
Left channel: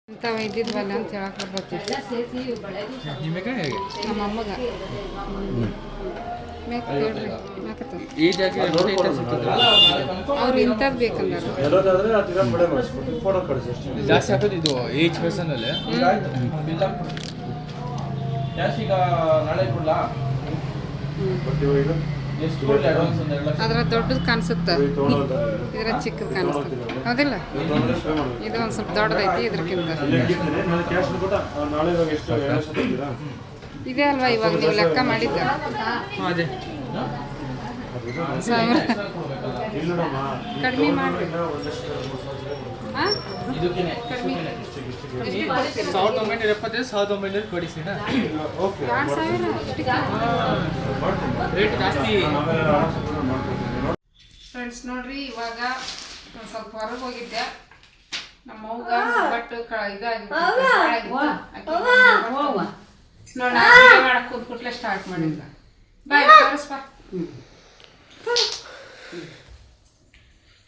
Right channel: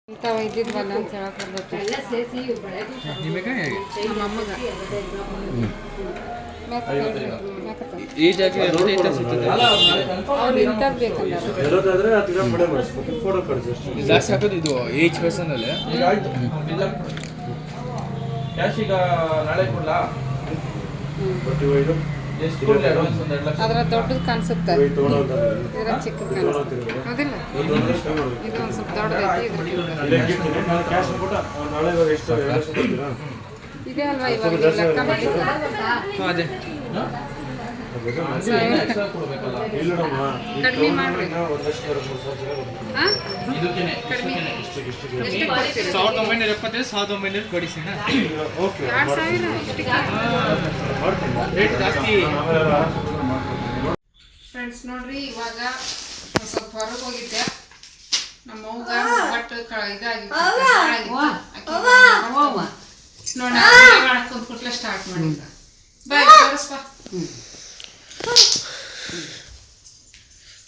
ಇಂಥವು ಇದ್ದಿದ್ವಲ್ಲ ಅಂತ ಹೇಳಕ್ಕೆ ಬರ್ಬೇಕು ನಮ್ಮ ಅಮ್ಮಗ ಈ ಜಾಗ ಅವ್ರು ಇಂಥದ್ದು ಬೇಕಂದ್ರೆ ಜಾಸ್ತಿ ಹಾಕೋದು ಇದು ಏಜ್ ಪರ್ಸನಲ್ಲಿ ಕ್ಯಾಶ್ ಈಗ ನಾಳೆ ಕೊಡ್ಲ ಅದ್ರ ದೊಡ್ಡದು ಕಾಣಿಸುತ್ತೆ ಇದ್ರ ಚಿಕ್ಕದು ಕಾಣಿಸುತ್ತೆ ಹೌದಿಲ್ಲ ಇದು ಒಂದು ಸ್ವಲ್ಪ ದೊಡ್ಡದೈತಿ ಇದ್ರಕ್ಕಿಂತ ಇದೇ ಅಲ್ವಾ ಇವಾಗ ನೀವು ಲೆಕ್ಕ ಮಾಡಿದ್ದ ಅದೇ ಕಡಿಮೆ ಮಾಡ್ಬೇಕು ಕಡಿಮೆ 1975 1900 ಕೊಡಿಸಿನ 2000 ಇಷ್ಟಕ್ಕೆ ರೇಟ್ ಜಾಸ್ತಿ ಫ್ರೆಂಡ್ಸ್ ನೋಡ್ರಿ ಇವಾಗ ಒಂದು ಸ್ವಲ್ಪ ಹೊರಗೆ ಹೋಗಿದ್ದೆ ನಮ್ಮ ಅವ್ಗ ಬಟ್ಟು ಇದಾಗಿತ್ತು ನೋಡಿ ಮಾಡಕ್ಕೆ ಕುಂತ್ಕೊಟ್ಲೆ ಸ್ಟಾರ್ಟ್ ಮಾಡಿದ್ದ ಬಾಯ್ ತೋರಿಸ್ಪ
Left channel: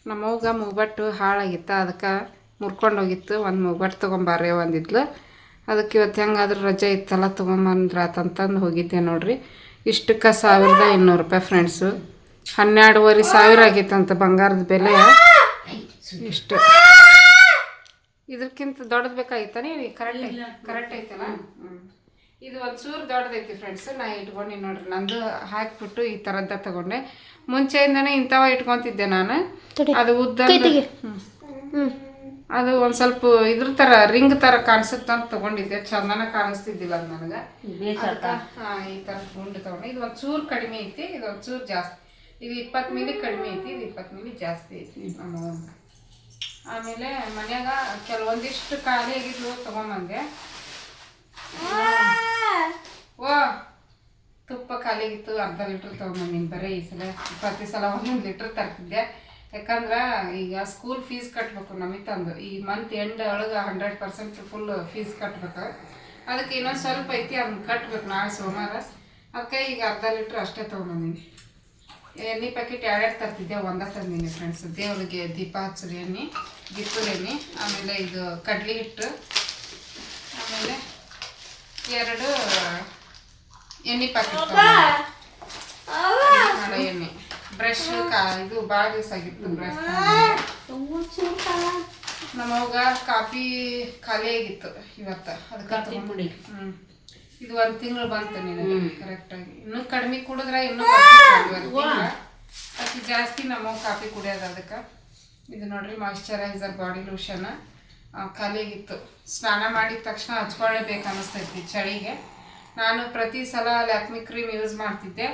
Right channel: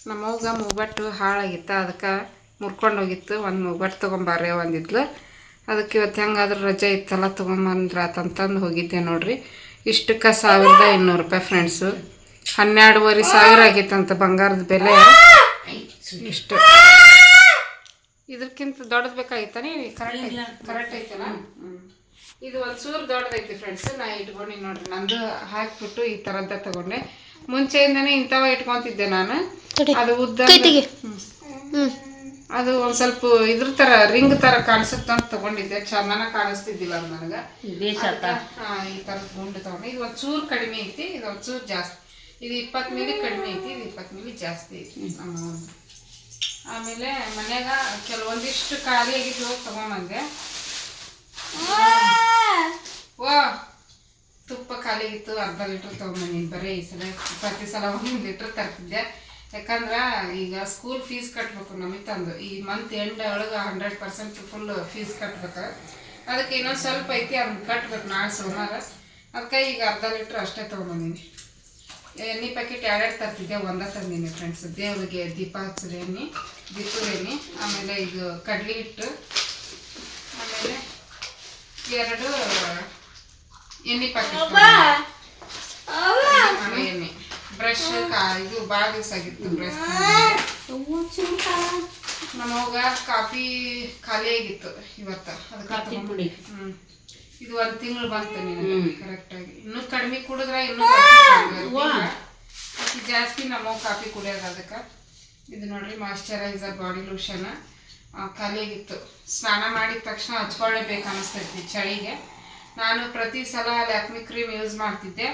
ನಮ್ಮ ಅವ್ಗ ಮೂಬಟ್ಟು ಹಾಳಾಗಿತ್ತು ಅದಕ್ಕೆ ಮುರ್ಕೊಂಡು ಹೋಗಿತ್ತು ಒಂದು ಮೂಬಟ್ಟು ತೊಗೊಂಬಾರೆ ಒಂದಿದ್ಲು ಅದಕ್ಕೆ ಇವತ್ತು ಹೆಂಗಾದ್ರೂ ರಜೆ ಇತ್ತಲ್ಲ ತೊಗೊಂಬಂದ್ರಾತಂತಂದು ಹೋಗಿದ್ದೆ ನೋಡ್ರಿ ಇಷ್ಟಕ್ಕೆ 1200 ರೂಪಾಯಿ ಫ್ರೆಂಡ್ಸು 12,500 ಆಗಿತ್ತಂತ ಬಂಗಾರದ ಬೆಲೆ ಇಷ್ಟು ಇದಕ್ಕಿಂತ ದೊಡ್ಡದು ಬೇಕಾಗಿತ್ತಾನೆ ಕರೆಕ್ಟ್ ಐತಲ್ಲ ಇದು ಒಂದು ಚೂರು ದೊಡ್ಡದೈತಿ ಫ್ರೆಂಡ್ಸ್ ನಾ ಇಟ್ಕೊಂಡು ನೋಡ್ರಿ ನಂದು ಹಾಕಿಬಿಟ್ಟು ಈ ಥರದ್ದ ತಗೊಂಡೆ ಮುಂಚೆಯಿಂದನೇ ಇಂಥವ ಇಟ್ಕೊತಿದ್ದೆ ನಾನು ಅದು ಉದ್ದ ಅದು ಒಂದು ಸ್ವಲ್ಪ ಇದ್ರ ಥರ ರಿಂಗ್ ಥರ ಕಾಣಿಸುತ್ತೆ ಅಂತ ತೊಗೊಂಡಿದ್ದೆ ಚಂದನ ಕಾಣಿಸ್ತಿದ್ದಿಲ್ಲ ಅದು ನನಗೆ ಈ ಥರದ ಗುಂಡು ತೊಗೊಂಡೆ ಇದು ಒಂದು ಚೂರು ಕಡಿಮೆ ಐತಿ ಇದು ಒಂದು ಚೂರು ಜಾಸ್ತಿ ಇದು 20 ಮಿಲಿ ಕಡಿಮೆ ಐತಿ ಇದು 20 ಮಿಲಿ ಜಾಸ್ತಿ ಐತಿ ನಮ್ಮ ಆಮೇಲೆ ಮನ್ಯಾಗ ಕೆಲವೊಂದಿಷ್ಟು ಖಾಲಿ ಆಗಿದ್ವು ತೊಗೊಂಬಂದೆ ವಾ ತುಪ್ಪ ಖಾಲಿ ಆಗಿತ್ತು ಅರ್ಧ ಲೀಟ್ರ್ ತೊಗೊಂಬಂದಿನಿ ಬರೀ ಈ ಸಲ ಪ್ರತಿ ಸಲ 1 ಲೀಟ್ರ್ ತರ್ತಿದ್ದೆ ಯಾಕಂದ್ರೆ ಈಗ ಸ್ಕೂಲ್ ಫೀಸ್ ಕಟ್ಟಬೇಕು ನಮಗೆ ತಂದು ಈ ಮಂತ್ ಎಂಡ್ ಒಳಗೆ 100% ಫುಲ್ ಫೀಸ್ ಕಟ್ಬೇಕು ಅದಕ್ಕೆ ಇನ್ನೊಂದು ಸ್ವಲ್ಪ ಐತಿ ಅದನ್ನ ಕಟ್ಬೇಕು ನಾಳೆ ಸೋಮವಾರ ಅದಕ್ಕೆ ಈಗ ಅರ್ಧ ಲೀಟ್ರ್ ಅಷ್ಟೇ ತೊಗೊಂಬಂದಿನಿ ಎಣ್ಣೆ ಪ್ಯಾಕೆಟ್ 2 ತರ್ತಿದ್ದೆ ಒಂದೇ ತಂದೀನಿ ಫ್ರೆಂಡ್ಸ್ ದೇವ್ರಿಗೆ ದೀಪ ಹಚ್ಚದ ಎಣ್ಣೆ ದಿಪ್ಪದ ಎಣ್ಣೆ ಆಮೇಲೆ ಇದು ಕಡ್ಲೆ ಹಿಟ್ಟು ಆಮೇಲೆ 2 ಎಣ್ಣೆ ಪ್ಯಾಕೆಟ್ ಮಾಡೋ ಎಣ್ಣೆ ಬ್ರಷ್ ಇದು ಭಾಳ ದಿವಸ ಆಗಿತ್ತು ಬ್ರಷ್ ನಮ್ಮವಾಗ ಕಾಫಿ ಖಾಲಿ ಆಗಿತ್ತು ಇವತ್ತು ಅದಕ್ಕೆ ಇದು 1 ತಿಂಗಳು ಬಂತು ನಿನಗೆ ಕರೆಕ್ಟಾಗಿ ಇನ್ನೂ ಕಡಿಮೆ ಕುಡಿದ್ರೆ ಇನ್ನೂ ಅಷ್ಟು ಜಾಸ್ತಿ ನಮ್ಮ ಕಾಫಿ ಕುಡಿಯೋದು ಅದಕ್ಕೆ ಇದು ನೋಡ್ರಿ ಮಾಯಿಶ್ಚರೈಸರ್ ಬಾಡಿ ಲೋಷನ್ ಖಾಲಿ ಆಗಿತ್ತು ಸ್ನಾನ ಮಾಡಿದ ತಕ್ಷಣ ಹಚ್ಕೊಳ್ಳೇಬೇಕು ಅನ್ನಿಸ್ತೈತಿ ಚಳಿಗೆ ನಾನು ಪ್ರತಿ ಸಲ ಲ್ಯಾಕ್ಮಿ ಕ್ರೀಮ್ ಯೂಸ್ ಮಾಡ್ತಿದ್ದೆ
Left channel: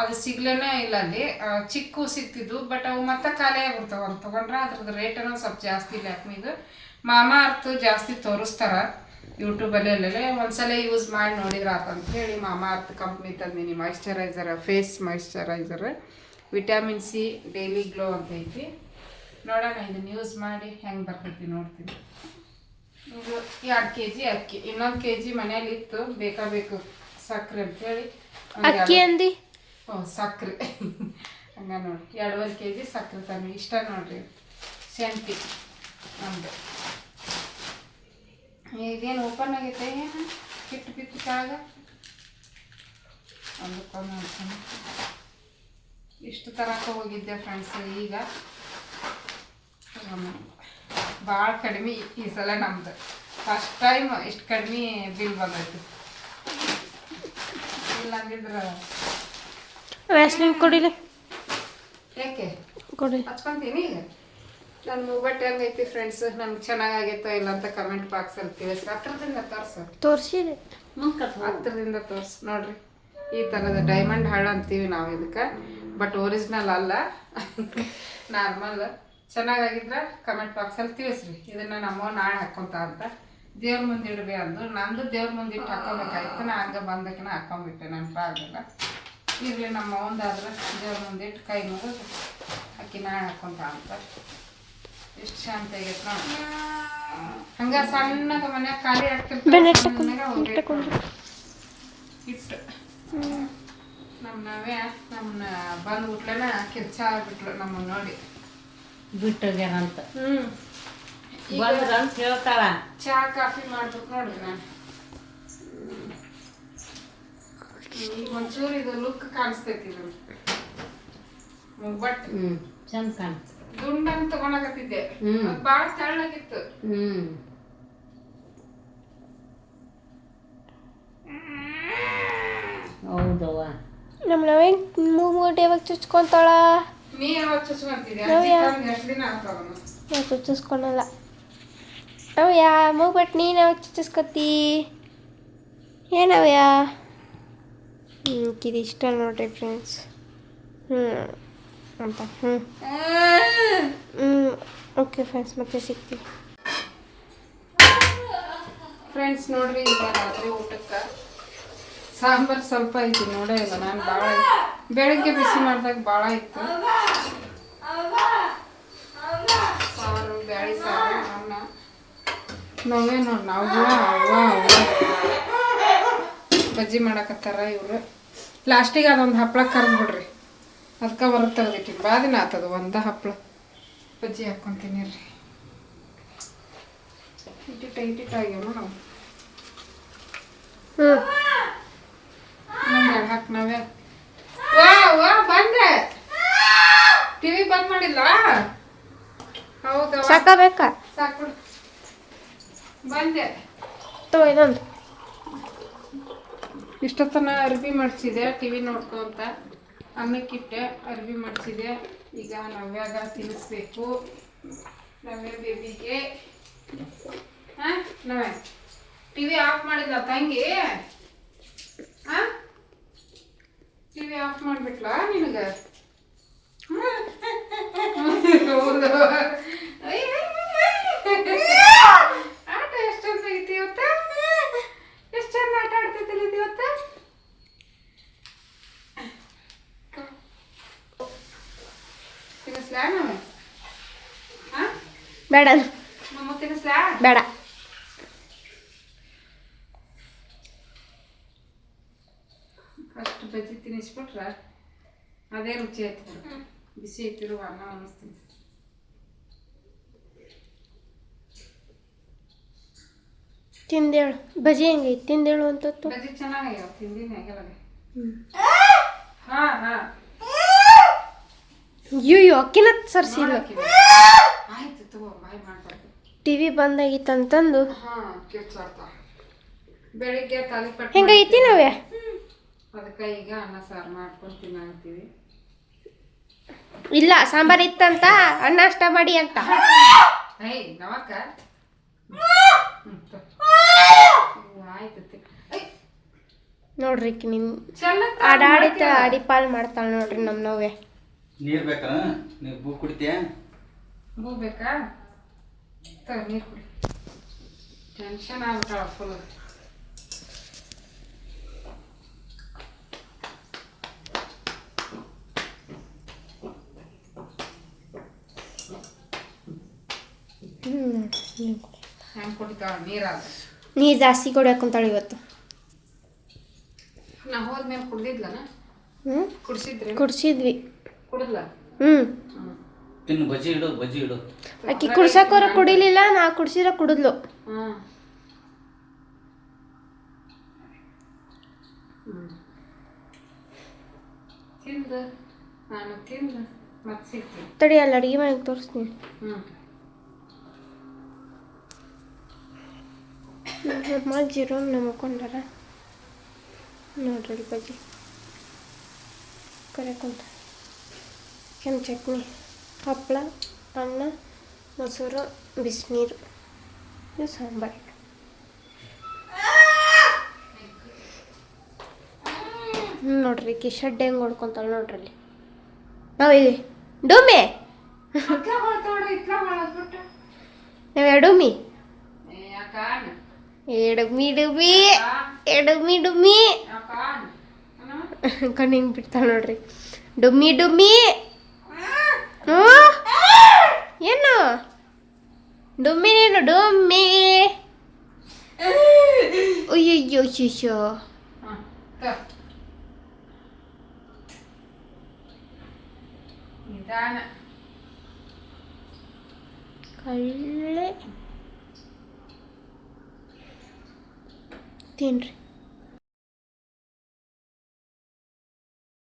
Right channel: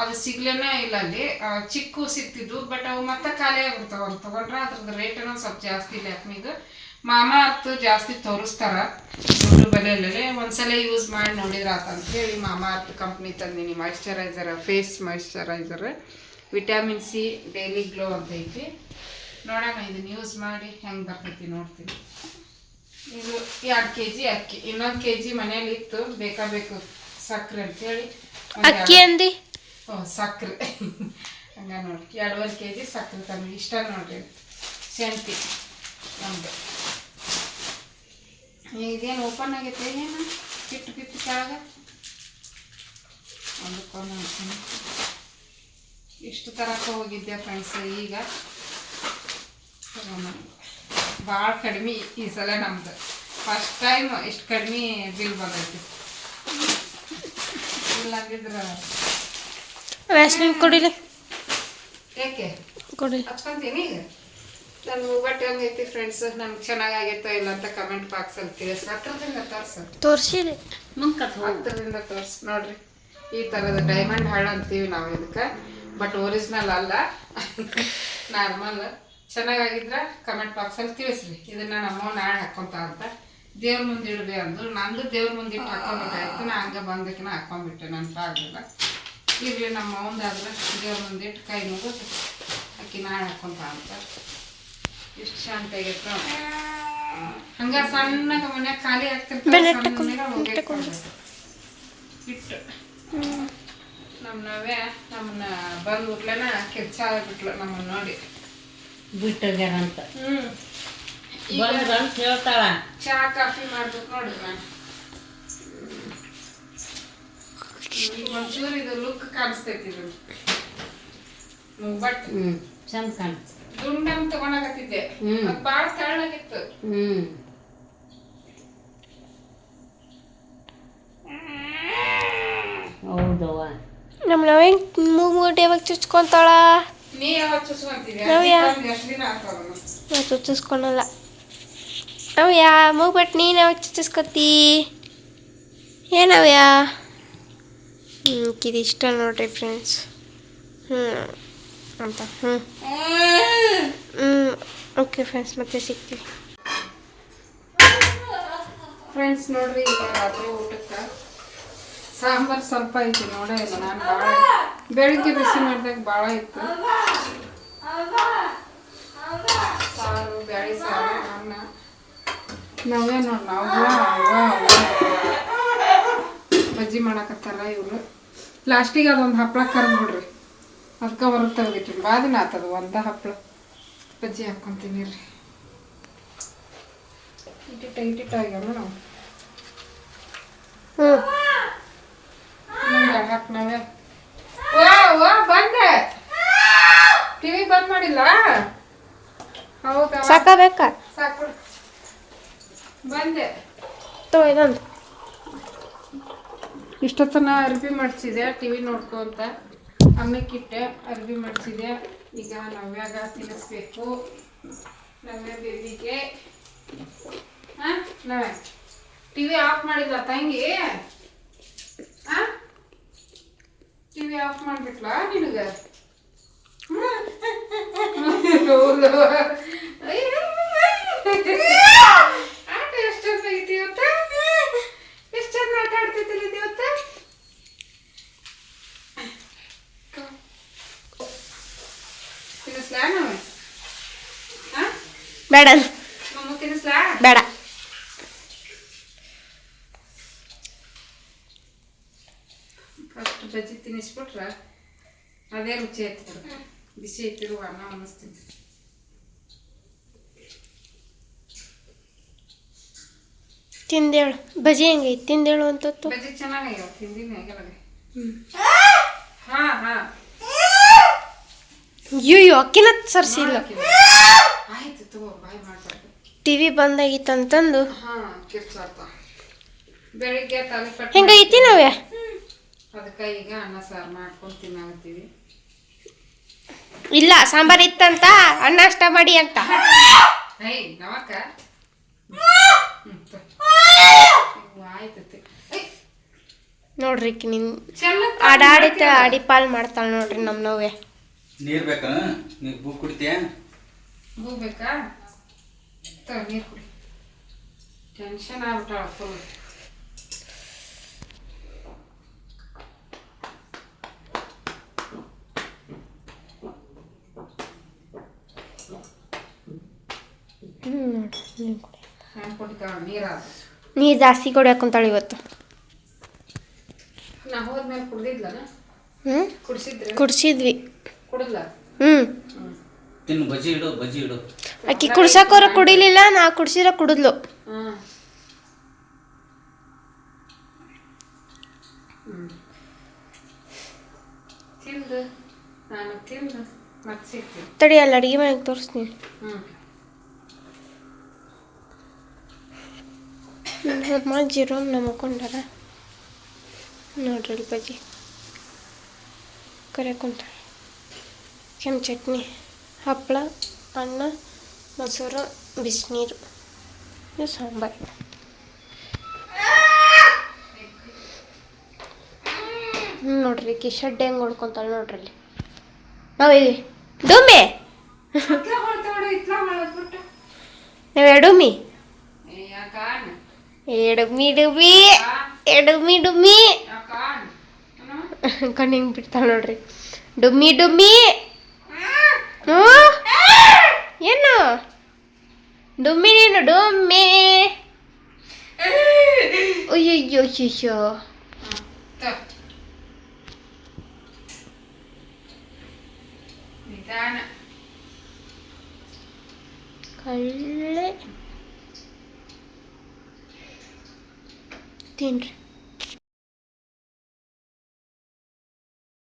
ಅದು ಸಿಗ್ಲೇನೇ ಇಲ್ಲ ಅಲ್ಲಿ ಚಿಕ್ಕು ಸಿಗ್ತಿದ್ವು ಬಟ್ ಅವು ಮತ್ತೆ ಖಾಲಿ ಆಗ್ಬಿಡ್ತಾವೆ ಅವ್ರು ತೊಗೊಂಡ್ರೆ ಅದ್ರದ್ದು ರೇಟನ್ನು ಸ್ವಲ್ಪ ಜಾಸ್ತಿ ಲ್ಯಾಕ್ಮಿದು ಮಾಮಾ ಅರ್ತ್ ಜಾಸ್ತಿ ತೋರಿಸ್ತಾರ ಯೂಟ್ಯೂಬಲ್ಲೇ ಒಂದ್ಸಲ ಯೂಸ್ ಮಾಡಿ ನೋಡಿದ್ರೆ ಆತಂತೇಳಿ ಮಾಮಾ ಅರ್ತ್ ಕಂಪ್ನಿ ತಂದೀನಿ moisturizer face moisturizer vitamin C daily glow ಅಂತ ಐತಿ ನೋಡೋಣ ಇದನ್ನ ಯೂಸ್ ಮಾಡಿ ಹೆಂಗೆ ಬರ್ತೈತಿ ನೋಡ್ತೀನಿ ಇದು 2 kg ಅಕ್ಕಿ ಇನ್ನೊಂದು kg ಮನೇಲಿ ಇತ್ತು ಬೇಕಾ ಸಕ್ಕರೆ ಅಂತೇಳಿ ಅಕ್ಕಿ ಅಂದಿ ಸಕ್ಕರೆ ಹಂಗ ನೋಡಿ 2.5 kg ಸಕ್ಕರೆ ತಂದು ಇಷ್ಟ ನೋಡ್ರಿ ಶೆಂಟಿ ನಮ್ದು ಇದೇನು ಓಪನ್ ಆಗೈತೆ ಏನು ಕಿಟ್ಟು ಕೆಳಗೆ ಒಂದು ಇಷ್ಟು ತರಕ್ಕೆ ಹೋಗಿದ್ದೆ ಫ್ರೆಂಡ್ಸ್ ಈಗ ಭಾಳ ಕಡಿಮೆ ಈ ಸಲ ನಮ್ದು ಫಸ್ಟ್ ಟೈಮ್ ಇಷ್ಟು ಕಡಿಮೆ ಬಿಲ್ ಬಂದೈತಿ ಇಲ್ಲ ಅಂದಿದ್ರೆ ವ್ಯಾಸ್ಲಿನ್ ಕೊಡಿಲಿ ಯಾಕೆ ಕೊಡಿ ಹಚ್ಕೊಂತೀನಿ ಈಗ ನನ್ನ ಮೂವಟ್ಟು ಹೆಂಗೈತಿ ಫ್ರೆಂಡ್ಸ್ ನನ್ಗೆ ಚೆನ್ನಾಗಾಗೈತಾ ಇಲ್ಲ ಅಂತ ಕಮೆಂಟ್ ಬಾಕ್ಸಲ್ಲಿ ತಿಳಿಸಿ ಹತ್ರದಿಂದ ತೋರಿಸಿದೆ ಹತ್ರದಿಂದ ತೋರಿಸಿ ನೋಡ್ರಿ ಈ ಥರದ ಡೈಮಂಡ್ ಹಾಳು ಅಂತೀವಿ ನಾವು ಇದಕ್ಕೆ ಬಟ್ ಒರಿಜಿನಲ್ ಅಲ್ಲ ನಾರ್ಮಲ್ ಚೆನ್ನಾಗಾಗಿದ್ರೆ ಕಮೆಂಟ್ ಬಾಕ್ಸಲ್ಲಿ ತಿಳಿಸ್ರಿ ಇದನ್ನು ನಮ್ಮ ನಾಳೆ ಹಾಕ್ಕೊಂತ ಅಂತ ದೇವ್ರ ಮುಂದೆ ಇಡಬೇ ಅಂದು ನಂದು ದೇವ್ರ ಮುಂದೆ ಇಟ್ಟು ಹಾಕ್ಕೊಬೇಕಾಯ್ತು ನಾ ಹಂಗೆ ಬಂದಕ್ಕೆ ಹಾಕ್ಕೊಂಡ್ಬಿಟ್ಟೆ ನೆನಪಾಗಲಿಲ್ಲ ಇರಲಿ ನಮ್ಮ ಒಂದಾದ್ರೆ ದೇವ್ರ ಮುಂದೆ ಇಟ್ಟು ಕೈ ಮುಗಿದು ಅಕ್ಕಿ ನಾಳೆ ಹಾಕ್ಕೊಂತ ಅಂತ ಇಷ್ಟು ಶಾಂತ ಆಗೈತೆ ನೋಡಿ ಹಂಗೆ ಸಣ್ಣಗೆ ಮನ್ಯಾಗ ಖಾಲಿ ಆಗ್ತಿರ್ತಾರೆ ಇಟ್ಟು ನಮ್ಮನ್ನ ಬಂದ್ಬಿಟ್ಲೇನ ಕಿರ್ಚ ಆಗ್ಬಿಟ್ಲು ನಮ್ಮನ್ನ ನೋಡಿ ಬಿಟ್ಟೋಗ್ಯಾರ ಅಂತ ಬಂದ್ರ ಅಂತ ಹೇಳ್ತಾಳ. ಚಾ ಕಾಫಿ ಮಾಡ್ಬೇಕು ನೋಡ್ರಿ ನಾನು. ಈಗ ಒಂಚೂರು ಇದು ಲುಕ್ ಕಾಣಿಸ್ತೈತಿ ಇದು ಬಟ್ ಚಂದ ಕಾಣ. ದುಂಡಂಗ್ ತಗೊಳಕತ್ತಿದ್ದೆ, ಅದು ಭಾಳ ತೆಳ್ಳಗಿತ್ತು. ಹೌದವ್ವ. ನಮ್ಮ ನವೆ ಮೂಗು ಯಾವಾಗ ಚುಚ್ಕೊಂತಾಳ? ನೀ ಯಾವಾಗ ಚುಚ್ಕೊಂತಿದ್ಯಾ? ನವ್ಯ. ಎಷ್ಟು ದಿನ ಆಗ್ತಾವ? ನಾ ಚುಚ್ಚಿಸ್ಕೊಳಲ್ಲ. ನವ್ಯ ಮೂಗ್ಬಿಟ್ಟು ನೀನು ಯಾವಾಗ ಚುಚ್ಚಿಸ್ಕೊತಿ? ಏನವ್ಯ? ಇದು ಇಷ್ಟ ನೋಡ್ರಿ ಫ್ರೆಂಡ್ಸ್. ಅಂತ ಓಕೆ ಫ್ರೆಂಡ್ಸ್, ಮತ್ತೆ ಸಿಗ್ತೀವಿ. ಫ್ರೆಂಡ್ಸ್ ನೋಡ್ರಿ, ಈಗ ರಾತ್ರಿ ಊಟಕ್ಕೆ ಸಾಂಬಾರು ಸ್ವಲ್ಪ ಐತಿ. ನೋಡೇ ಇಲ್ಲ ನಾನು, ಭಾಳ ಬೆಳಿಗ್ಗೆ ಬಿಸಿ ಮಾಡಿದಾಗ ಭಾಳ ಇತ್ತು. ಸಾರು, ಬ್ಯಾಳಿ ಸಾರು, ಅನ್ನ. ನಾವೇ ನೋಡಿ ನಾವು ಬಜ್ಜಿ ಮಾಡಕತ್ತಾರ ಇವರು. ಲಾಸ್ಟಿಗೆ ಅದೊಂದು ಹಪ್ಪಳ ಕರ್ದು ಬಿಡ್ರಿ, ಅದಕ್ಕೆ ಹೊರಗೆ ತೆಗೆದಿಟ್ಟಿರಿ. ಭಾಳ ದಿನ ಆತದ ಒಂದು ಹಪ್ಪಳ ಬಜ್ಜಿ ಹಾಕ್ಕೊಂತೀನಿ ರೀ. ಇಟ್ಟಿಟ್ಟ ಆಗ್ಯಾವ ನೋಡವ. ಹಾಕ್ ನಾವೇ ವಾ ಬಂದೆ. ಟಿವಿ ಬಂದ್ ಮಾಡಿಲ್ಲ? ಹೌದಾ, ಸಾಕಬೇಕಾ? ಸಾಕು ಬಂದೆ. ತಗೋ ಇದೊಂದು. ಇಷ್ಟೊತ್ತನ ಅರ್ಬಿ ಮಾಡಿಸಿದೆ ಟಿವಿ ನೋಡ್ಕೊಂತ. ಅನ್ನಕ್ಕಿಟ್ಟೆ, ಅರ್ಬಿ ಮಾಡಿಸಿದೆ. ಈಗ ನವ್ಯಾಗ ತಿನ್ನಿಸ್ಬೇಕು. ನವ್ಯ ಬೇಬಿಗೆ. ಹಾಂ ನವ್ಯ ಟಿವಿ ಆಫ್ ಮಾಡಿಲ್ಲ ತಂಗಿ? ಹಾಂ ಟಿವಿ ಆಫ್ ಮಾಡ್ಬಿಟ್ಲಾ ನಿನಗೆ? ಹೌದು. ಆಟ ಎಷ್ಟು ಚಂದ ಐತಿ ಇವತ್ತ. ಎಷ್ಟು ಚಂದ ಆಟ ಆಡ್ತಿದ್ದಿಲ್ಲ ಇದು ಇವತ್ತ. ತಿನ್ನಿಸ್ಲಾ ನಾವು? ಹಾಂ ಬೇಡ ನಮ್ಮ ತಿನ್ನಿಸ್ಲಾ? ಬೇಡ. ಫಸ್ಟ್ ಬಜ್ಜಿ ತಿನ್ನಿಸ್ಬಿಟ್ರೆ ಅದೇ ರುಚಿ ಆಯ್ತು. ಬಿಸಿ ಐತಿರುವ ಅನ್ನ ಅನ್ನಿಸ್ತೀನಿ. ತಿಂದೇಳು ಬಜ್ಜಿ ಹೆಂಗೈತಿ? ತಿಂದೇಳು ಅಂತತ್ತು. ಬಜ್ಜಿ ಚೆನ್ನಾಗ್ಯಾವ, ತಿಂದಿನಿ ಆಗಿಲ್ಲ. ಹಾಂ ಹಾಂ ಅಯ್ಯೋ ಅಕ್ಕಿನ ಸರ್ಸಿಲ್ಲ. ಆಯ್ತು ತಗೋ, ಬಾಯ್ ಮಾಡ್ಬಾರ್ದು. ಟಿವಿ ಬಂದಾಗಿತ್ತಂತಂದು ಹಾಂ ಕಿರ್ಚಾಡ್ತ. ಬೆಳಿಗ್ಗೆ ತಾಲಿಪಟ್ಟು ಹೆಂಗೈತಿ ನಾವ್ಯ? ಅದಕ್ಕೆ ಈಗ ಅನ್ನ ಸಾರು ಮಾಡ್ಕೊಂಡು ತಿನ್ನಾಗತ್ತೀವಿ. ಇಲ್ಲ ಸಾಂಬಾರ್ ಇತ್ತಂತ ಅನ್ನ ಅಷ್ಟ ಮಾಡಿ ಅಂತ. ಏಯ್ ನವಕ್ಕ ಆಯ್ತು. ನೋಡ್ರಿ ನಿನ್ ಆಡಾಡಿತ ಆಡಿ ಪಾಲ್ ಮಾಡ್ತಾಳ ನೋಡ್ರಿ ನಮ್ಮ ನವ್ಯ. ನೀರು ಬೇಕಾ? ನೀವು ಬೂ ಕುಡಿತೀಯ? ಹೋಗ್ಬೇಕಾ? ತಗೋ ನೀರು ಕುಡಿ. ಟೆನ್ಷನ್ ಆಗ್ಬಿಟ್ಟಾಳ ಫುಲ್. ಹೆಂಗೆ ಕುಡಿತಾಳ ನೀರಾದ? ನೀರು ಜಾಸ್ತಿ ಕುಡಿಯಾಕಂತಾಳ ಇವತ್ತು. ನಾ ಹೋದ್ಮೇಲೆ ಕುಡ್ದಿದ್ಲನ? ಕುಡ್ಸಿದ್ರಿ? ಕುಡ್ಸಿದ್ವಿ. ಕುಡಿದ್ಲ? ತಿನ್ನು, ಬಜ್ಜಿ ಇಡು, ಬಜ್ಜಿ ಇಡು. ಆಕಿ ಕುಡ್ಸಕೋರ ಕುಡಿಲಿಲ್ಲ, ನಾ ಕುಡ್ಸಿರ ಕುಡಿದ್ಲು. ತಿಂದು ನಾನು ತಿಂದು ಮತ್ತೆ ಸಿಗ್ತೀನಿ. ತಡಿ ಅಲ್ಲಿ ಅಡುಗೆ ಮನೆಗೆ ತೋರಿಸ್ತೀನಿ. ನಮ್ಮ ಜೀರೋ ನಮ್ಕೊಂಡಾರ ನೋಡ್ರಿ ಬಜ್ಜಿ ಕರೆಕೊಂತ. ಕೆಂಪು ಚಟ್ನಿ, ಹಪ್ಪಳ, ಅನ್ನ, ಮೊಸರು, ಬಿಸಿನೀರು, ಇದು ಸಾಂಬಾರು. ನೋಡ್ರಿ ಕಿ ಶಡ್ಡೆ ಹೆಂಗೆ ಹೊಡ್ಕೊಂತಾಳೆ ನೋಡ್ರಿ ಅಲ್ಲಿ. ನಾವಿಲ್ಲಿ ಡೂಮಿ ನಾವ್ ಎಡುಮಿ ಎಡುಮಿ ಡುಮಿ ಎಡುಮಿ ಡುಮ್ಮಿ ಕಣ್ಣು ಹಿಂಗೆ ಬಿಡ್ತಾಳೆ ನೋಡ್ರಿ. ಡುಮ್ಮಿ ಡುಮ್ಮಿ. ಏನು ಡುಮ್ಮಿ? ನೀನು ಡುಮ್ಮಿ. ಅಯ್ಯಯ್ಯೋ ಶಿಶೋ. ಕಳ್ಳೆ ತಿನ್ರಿ